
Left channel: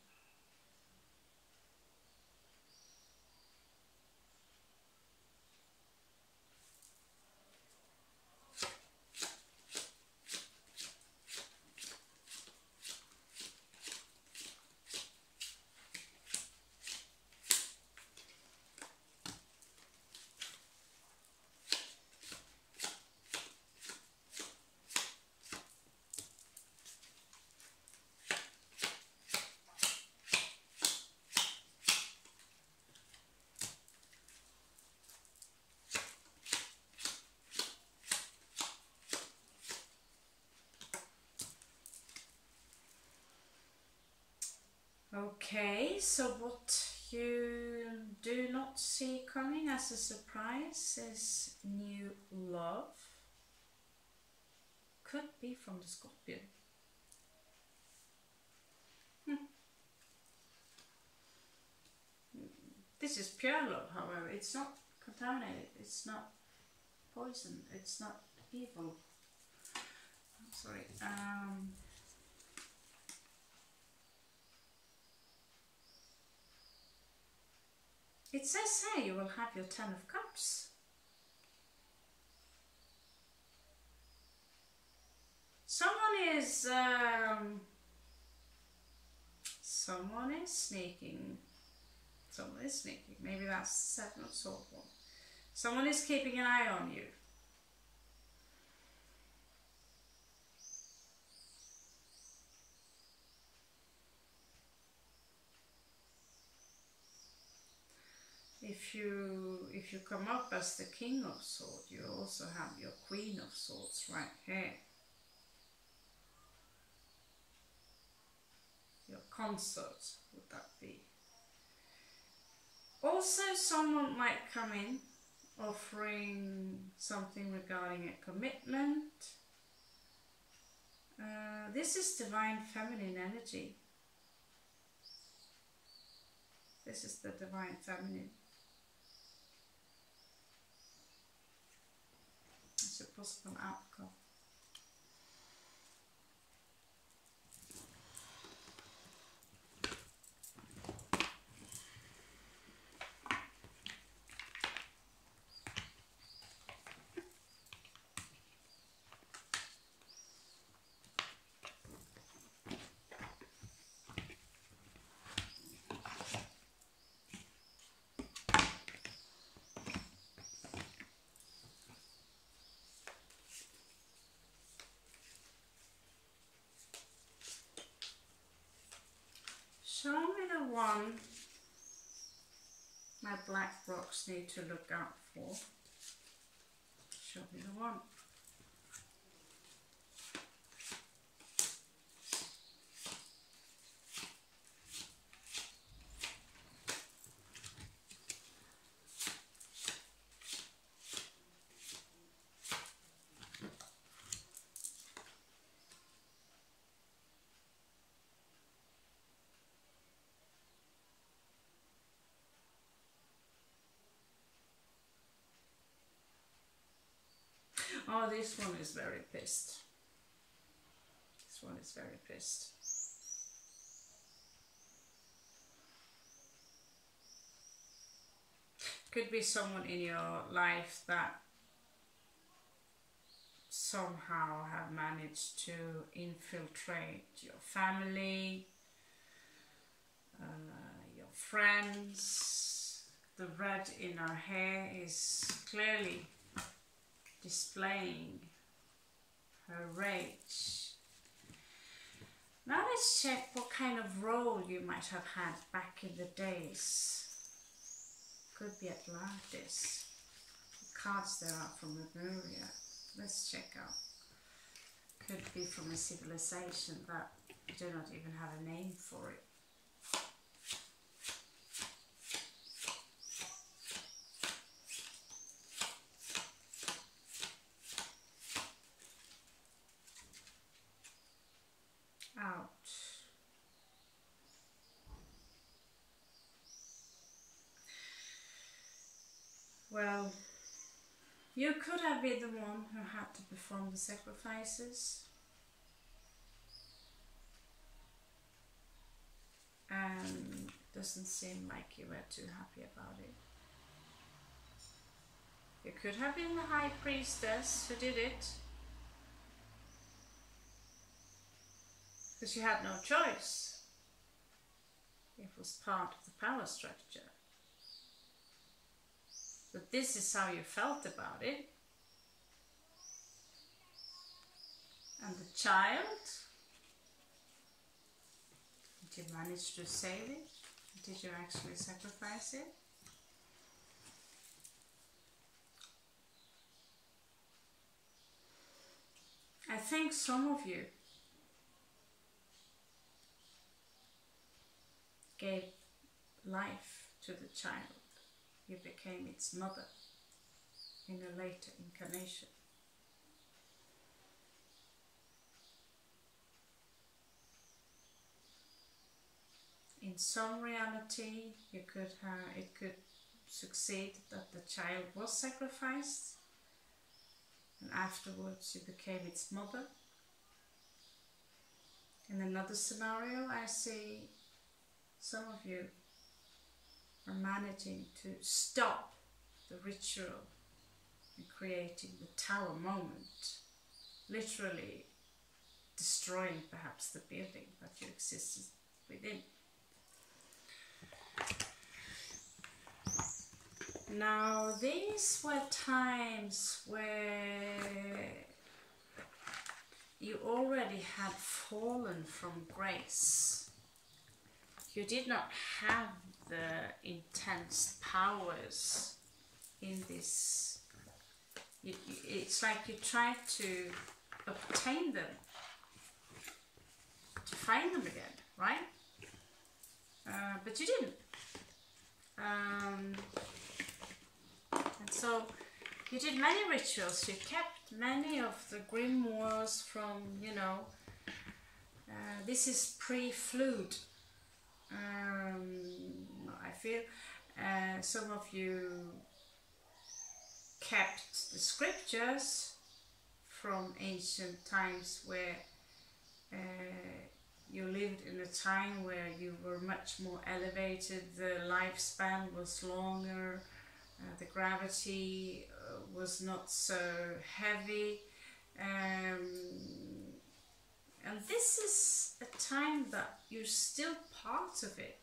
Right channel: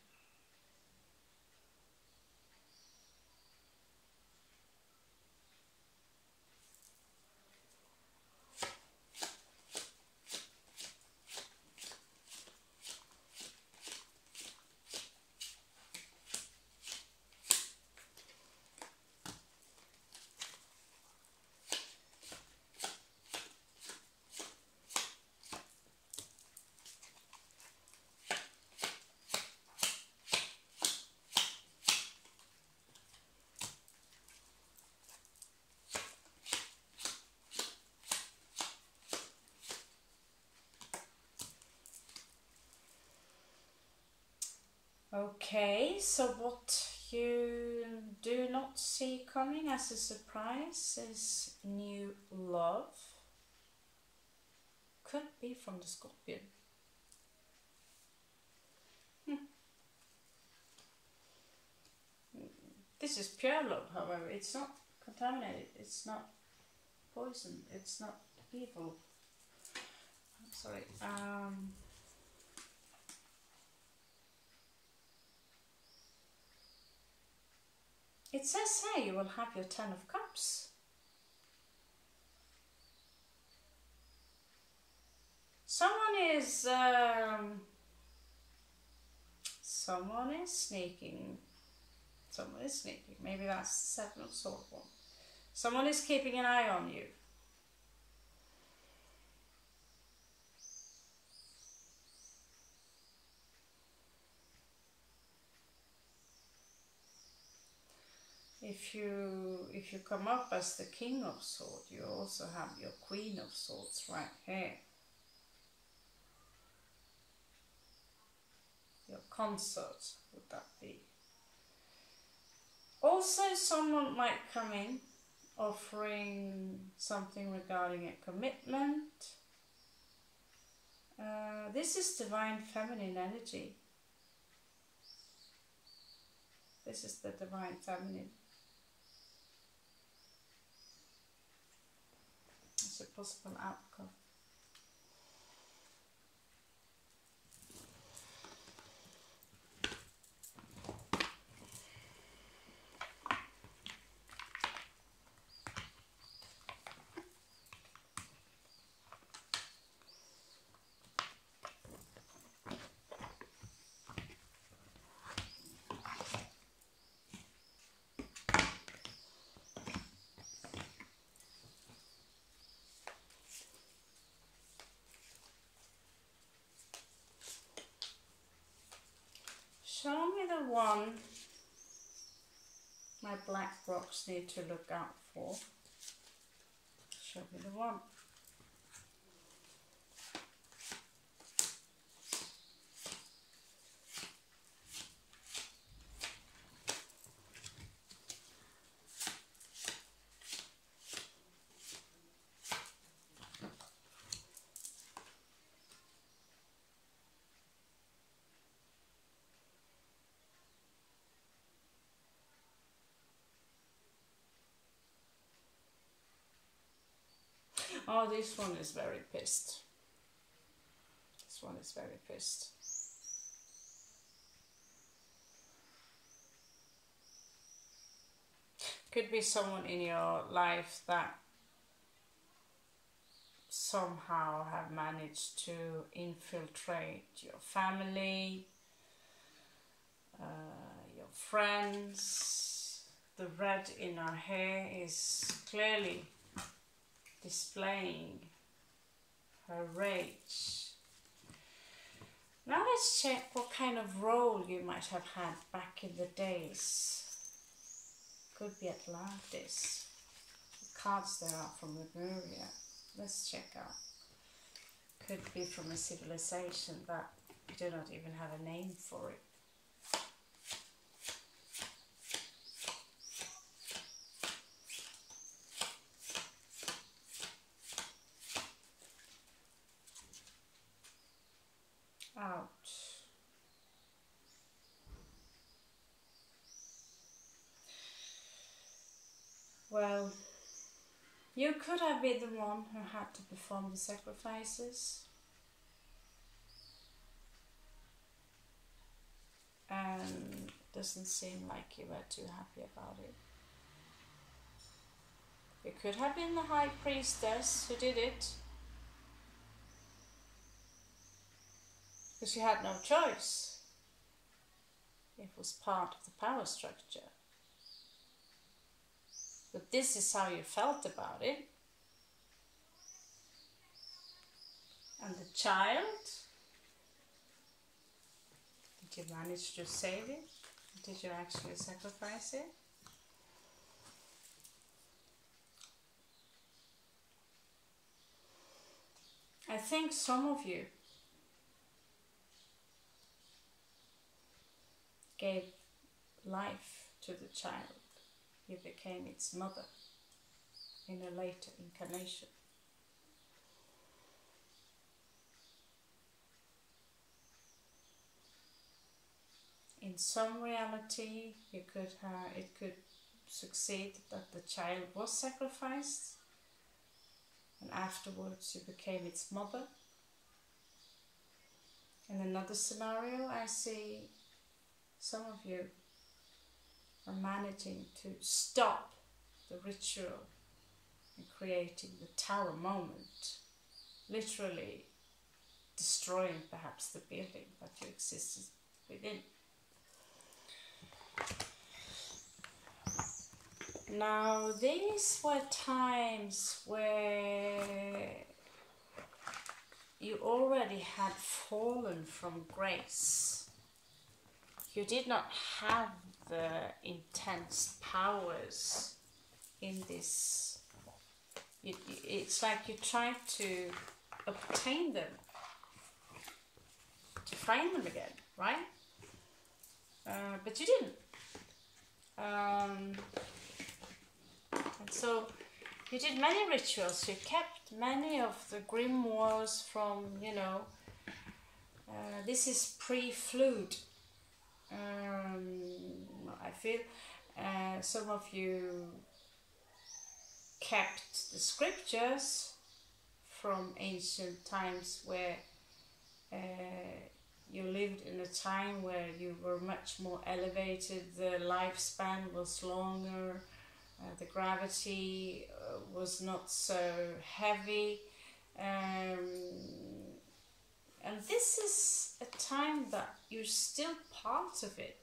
Okay, so what you do not see coming as a surprise is new love. Could be from the Scorpion. This is pure love, however. It's not contaminated, it's not poison, it's not evil. sorry. It says here you will have your 10 of Cups. Someone is sneaking. Someone is sneaking. Maybe that's 7 of Swords one. Someone is keeping an eye on you. If you come up as the King of Swords, you also have your Queen of Swords right here. Your consort, would that be? Also, someone might come in offering something regarding a commitment. This is divine feminine energy. This is the divine feminine. It's a possible outcome. Show me the one my black rocks need to look out for. Show me the one. Oh, this one is very pissed. This one is very pissed. Could be someone in your life that somehow have managed to infiltrate your family, your friends. The red in her hair is clearly displaying her rage. Now let's check what kind of role you might have had back in the days. Could be Atlantis. The cards there are from Lemuria. Let's check out. Could be from a civilization that you do not even have a name for it. Out. Well, you could have been the one who had to perform the sacrifices, and it doesn't seem like you were too happy about it. You could have been the High Priestess who did it, because you had no choice. It was part of the power structure. But this is how you felt about it. And the child, did you manage to save it? Did you actually sacrifice it? I think some of you gave life to the child. You became its mother in a later incarnation. In some reality, it could succeed that the child was sacrificed, and afterwards you became its mother. In another scenario, I see some of you are managing to stop the ritual and creating the tower moment, literally destroying perhaps the building that you existed within. Now, these were times where you already had fallen from grace. You did not have the intense powers in this. It's like you tried to obtain them, to find them again, right? But you didn't. And so you did many rituals. You kept many of the grimoires from, you know, this is pre-flood. I feel some of you kept the scriptures from ancient times where you lived in a time where you were much more elevated, the lifespan was longer, the gravity was not so heavy, and this is a time that you're still part of it.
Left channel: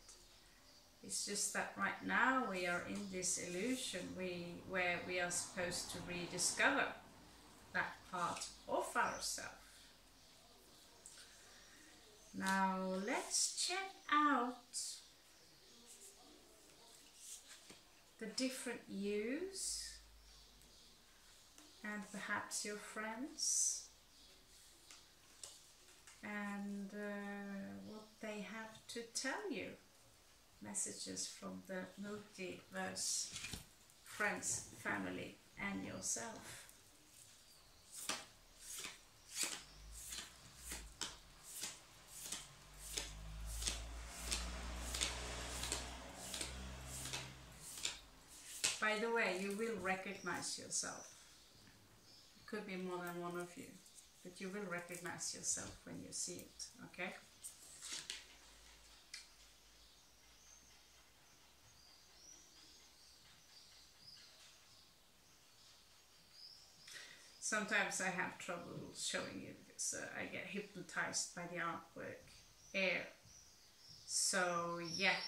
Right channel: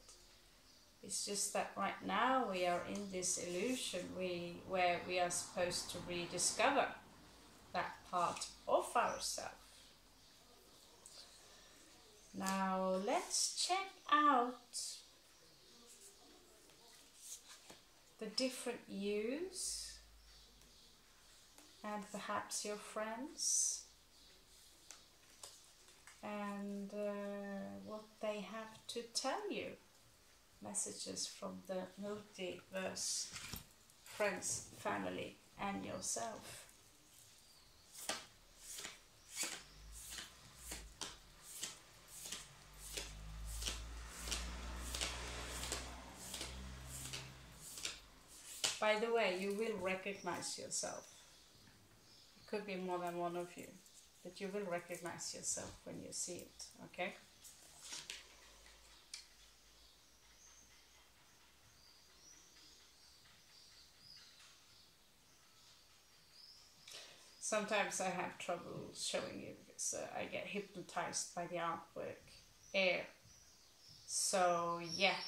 It's just that right now we are in this illusion where we are supposed to rediscover that part of ourselves. Now let's check out the different yous and perhaps your friends and what they have to tell you. Messages from the multiverse, friends, family and yourself. By the way, you will recognize yourself. It could be more than one of you, but you will recognize yourself when you see it, okay? Sometimes I have trouble showing you because I get hypnotized by the artwork air. So yeah,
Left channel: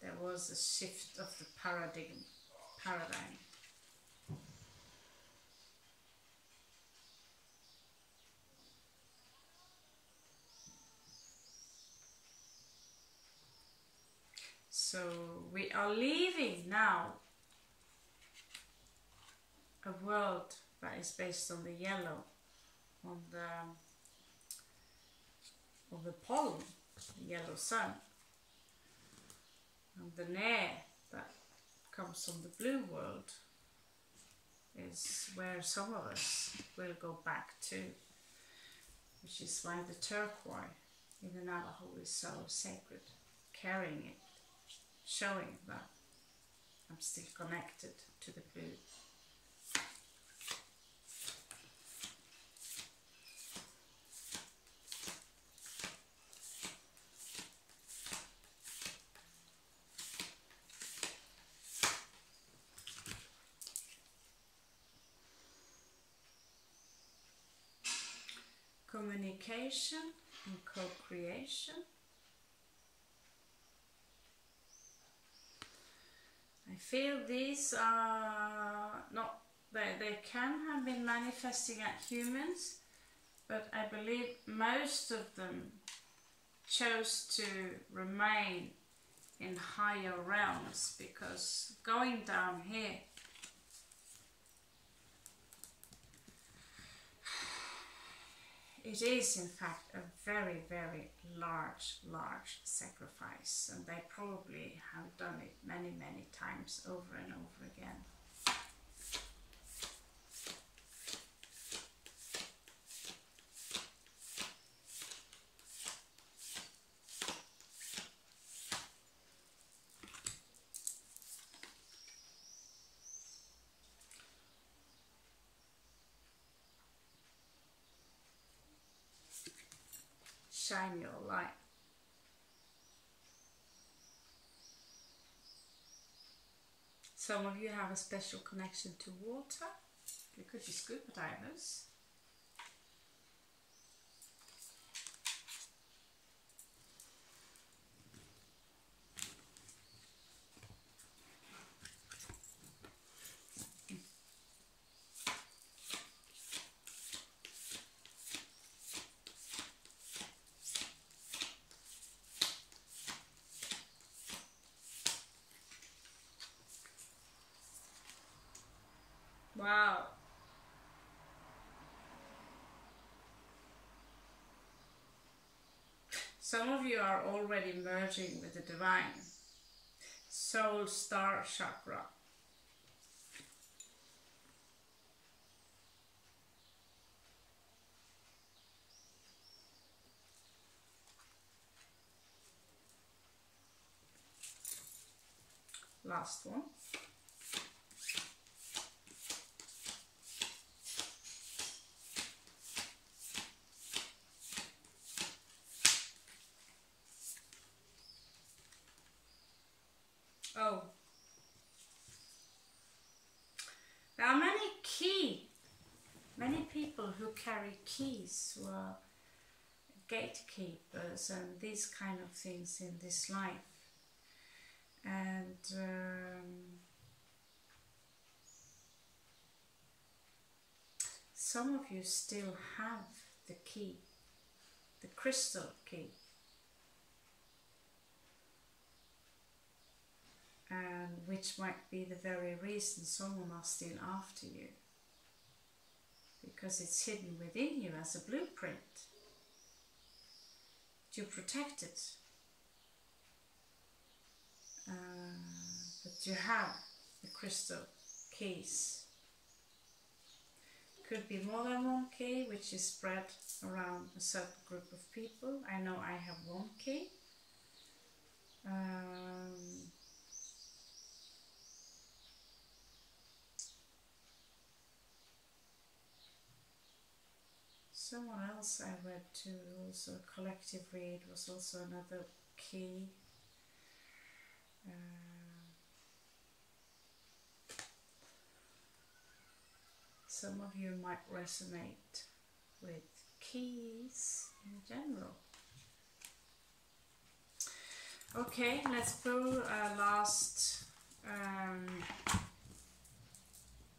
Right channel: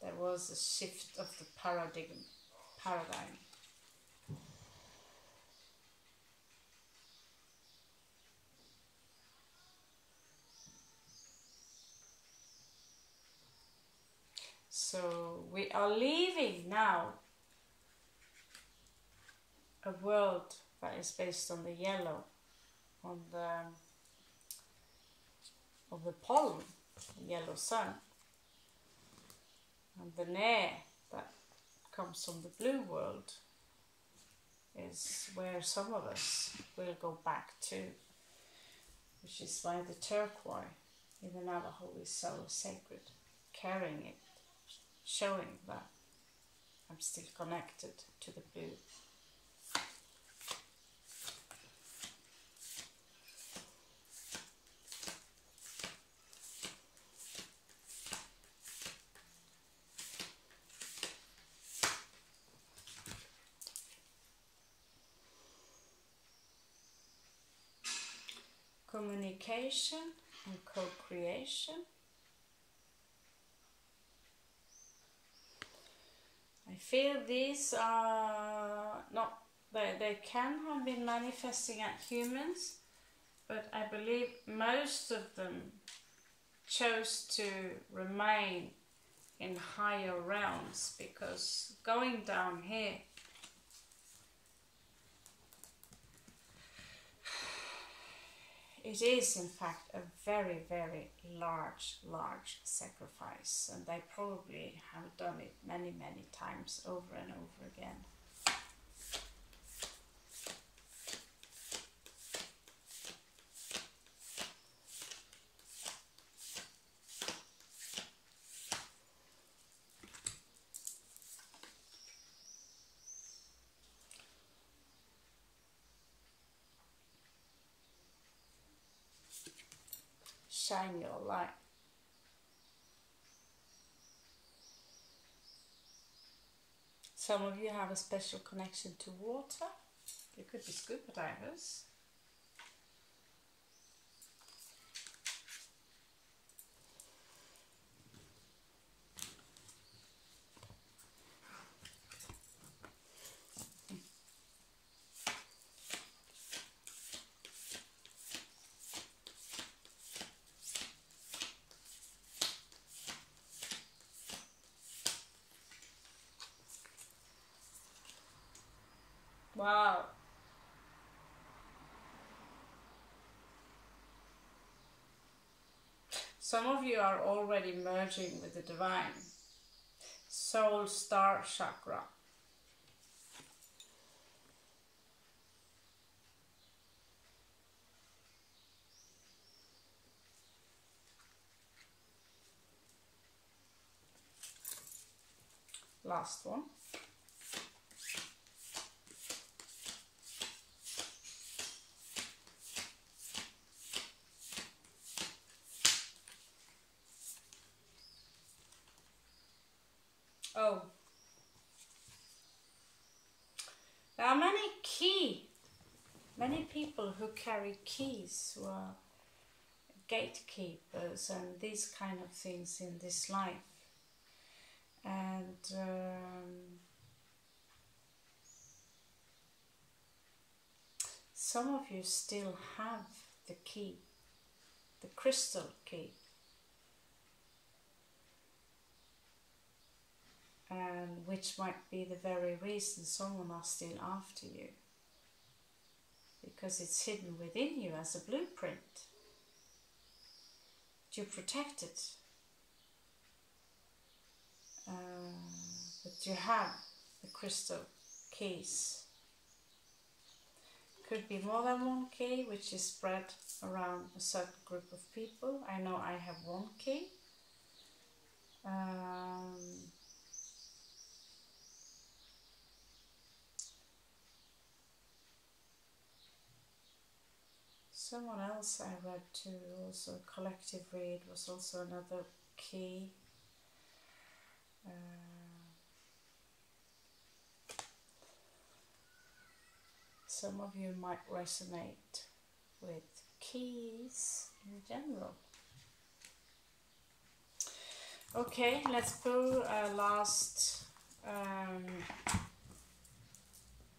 there was a shift of the paradigm. So we are leaving now a world that is based on the yellow, on the pollen, the yellow sun, and the air that comes from the blue world is where some of us will go back to, which is why the turquoise in the Navajo is so sacred, carrying it, showing that I'm still connected to the blue. Communication and co-creation. I feel these are not, they can have been manifesting at humans, but I believe most of them chose to remain in higher realms, because going down here, it is in fact a very, very large sacrifice, and they probably have done it many, many times over and over again. shine your light. Some of you have a special connection to water. You could be scuba divers. Wow. Some of you are already merging with the divine. Soul star chakra. Last one. Oh, there are many people who carry keys, who are gatekeepers and these kind of things in this life. And some of you still have the key, the crystal key. And which might be the very reason someone are still after you, because it's hidden within you as a blueprint. You protect it, but you have the crystal keys. Could be more than one key, which is spread around a certain group of people. I know I have one key. Someone else I read too, also a collective read, was also another key. Some of you might resonate with keys in general. Okay, let's go last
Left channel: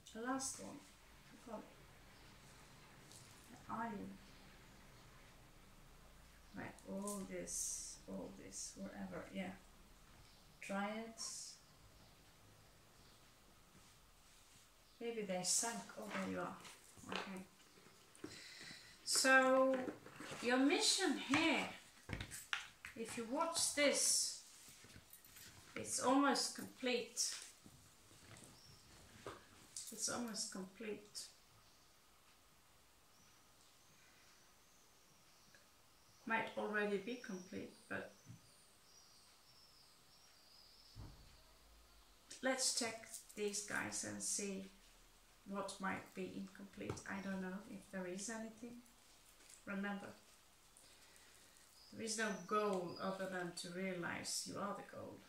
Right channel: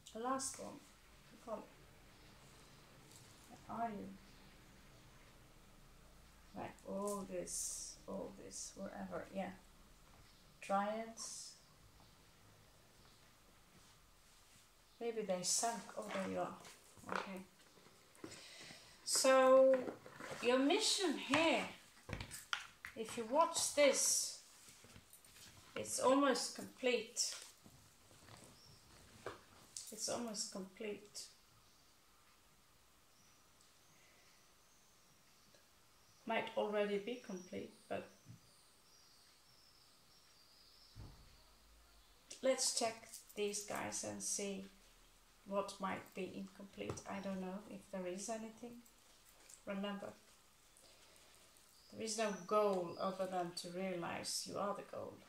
one. Are you? Like all this, wherever, yeah. Dryads. Maybe they sank. Oh, there you are. Okay. So, your mission here, if you watch this, it's almost complete. It's almost complete. Might already be complete, but let's check these guys and see what might be incomplete. I don't know if there is anything. Remember, there is no goal other than to realize you are the goal.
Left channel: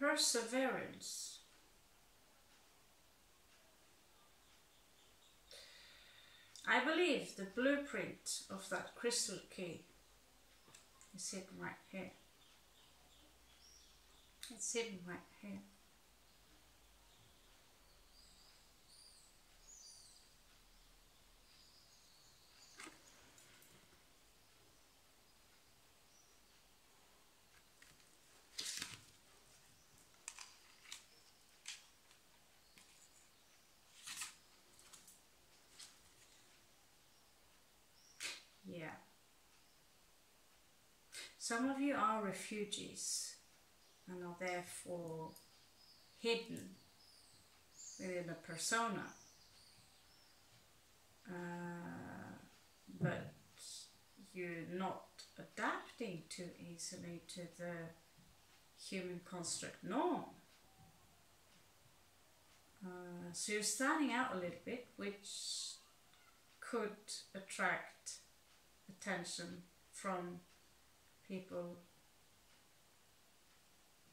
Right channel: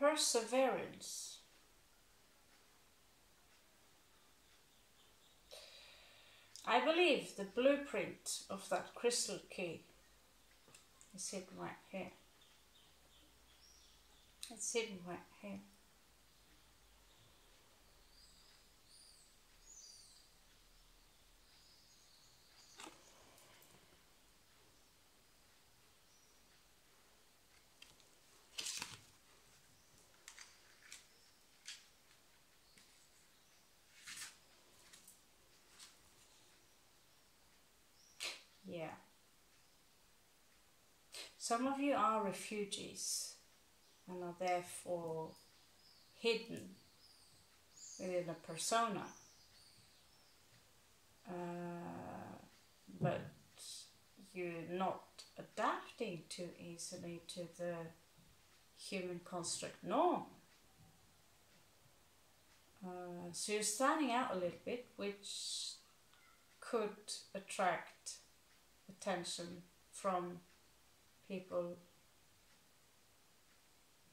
Perseverance. I believe the blueprint of that crystal key is hidden right here. It's hidden right here. Yeah. Some of you are refugees and are therefore hidden within a persona. But you're not adapting too easily to the human construct norm. So you're standing out a little bit, which could attract attention from people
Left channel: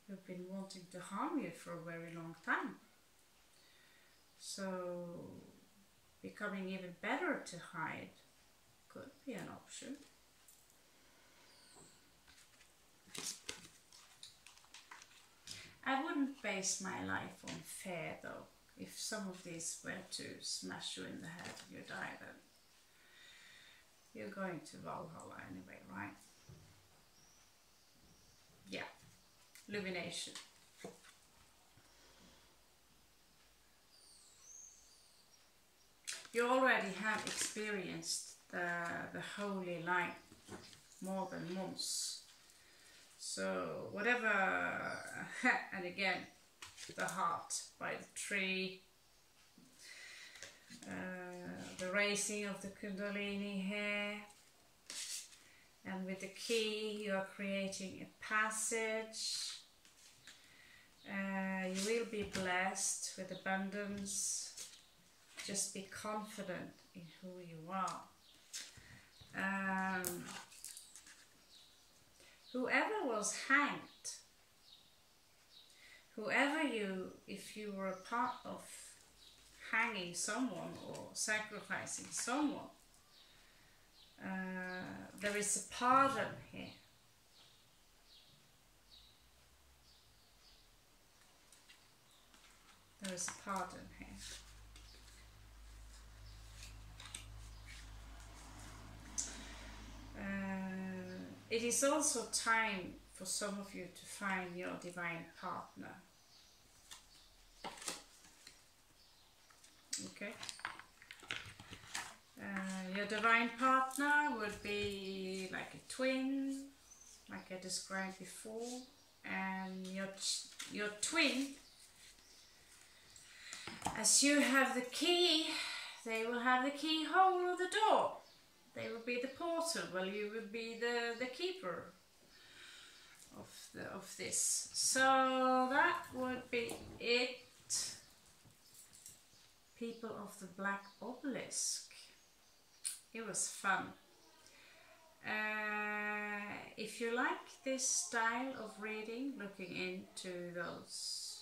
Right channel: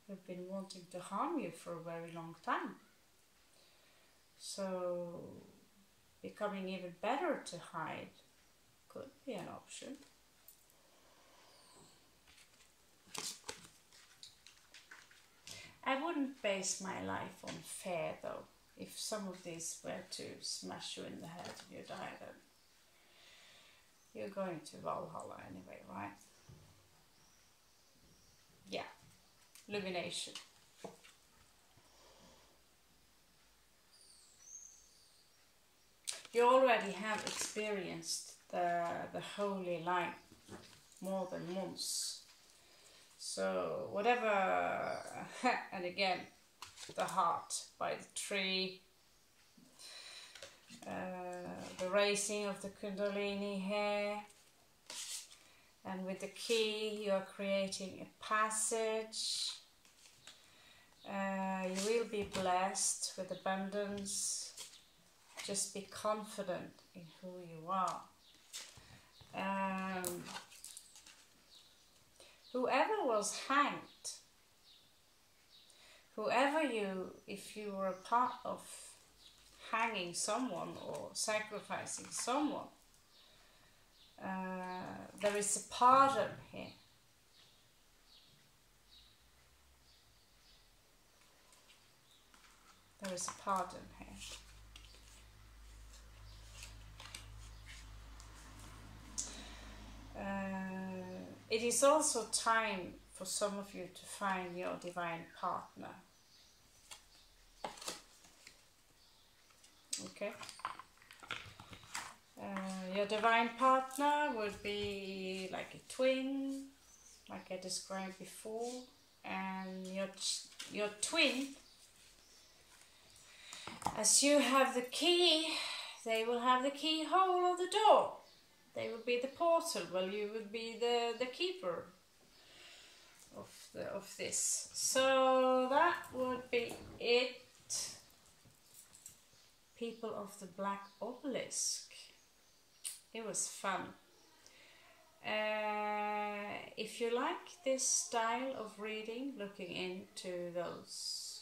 who've been wanting to harm you for a very long time. So becoming even better to hide could be an option. I wouldn't base my life on fear though. If some of these were to smash you in the head and you die, then you're going to Valhalla anyway, right? Yeah, illumination. You already have experienced the holy light more than once. So whatever, and again, the heart by the tree, the raising of the Kundalini here, and with the key you are creating a passage. You will be blessed with abundance. Just be confident in who you are. Whoever was hanged, whoever you, if you were a part of hanging someone or sacrificing someone, there is a pardon here. There is a pardon here. It is also time for some of you to find your divine partner. Okay. Your divine partner would be like a twin, like I described before, and your twin, as you have the key, they will have the keyhole of the door. They will be the portal, well you would be the keeper of this. So that would be it. People of the Black Obelisk. It was fun. If you like this style of reading, looking into those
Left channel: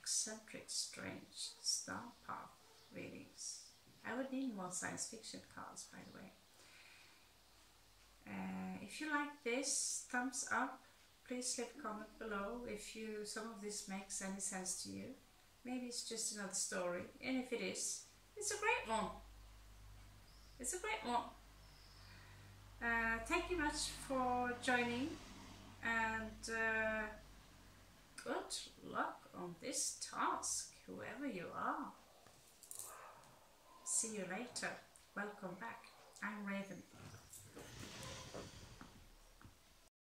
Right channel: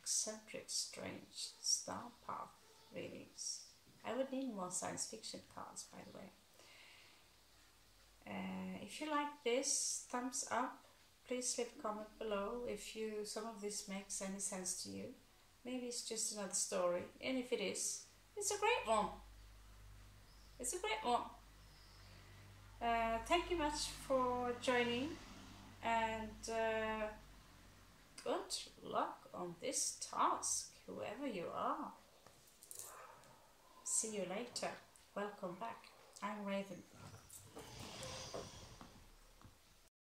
eccentric, strange star path readings, I would need more science fiction cards, by the way. If you like this, thumbs up. Please leave a comment below if some of this makes any sense to you. Maybe it's just another story, and if it is, it's a great one. It's a great one. Thank you much for joining, and good luck on this task, whoever you are. See you later. Welcome back. I'm Raven.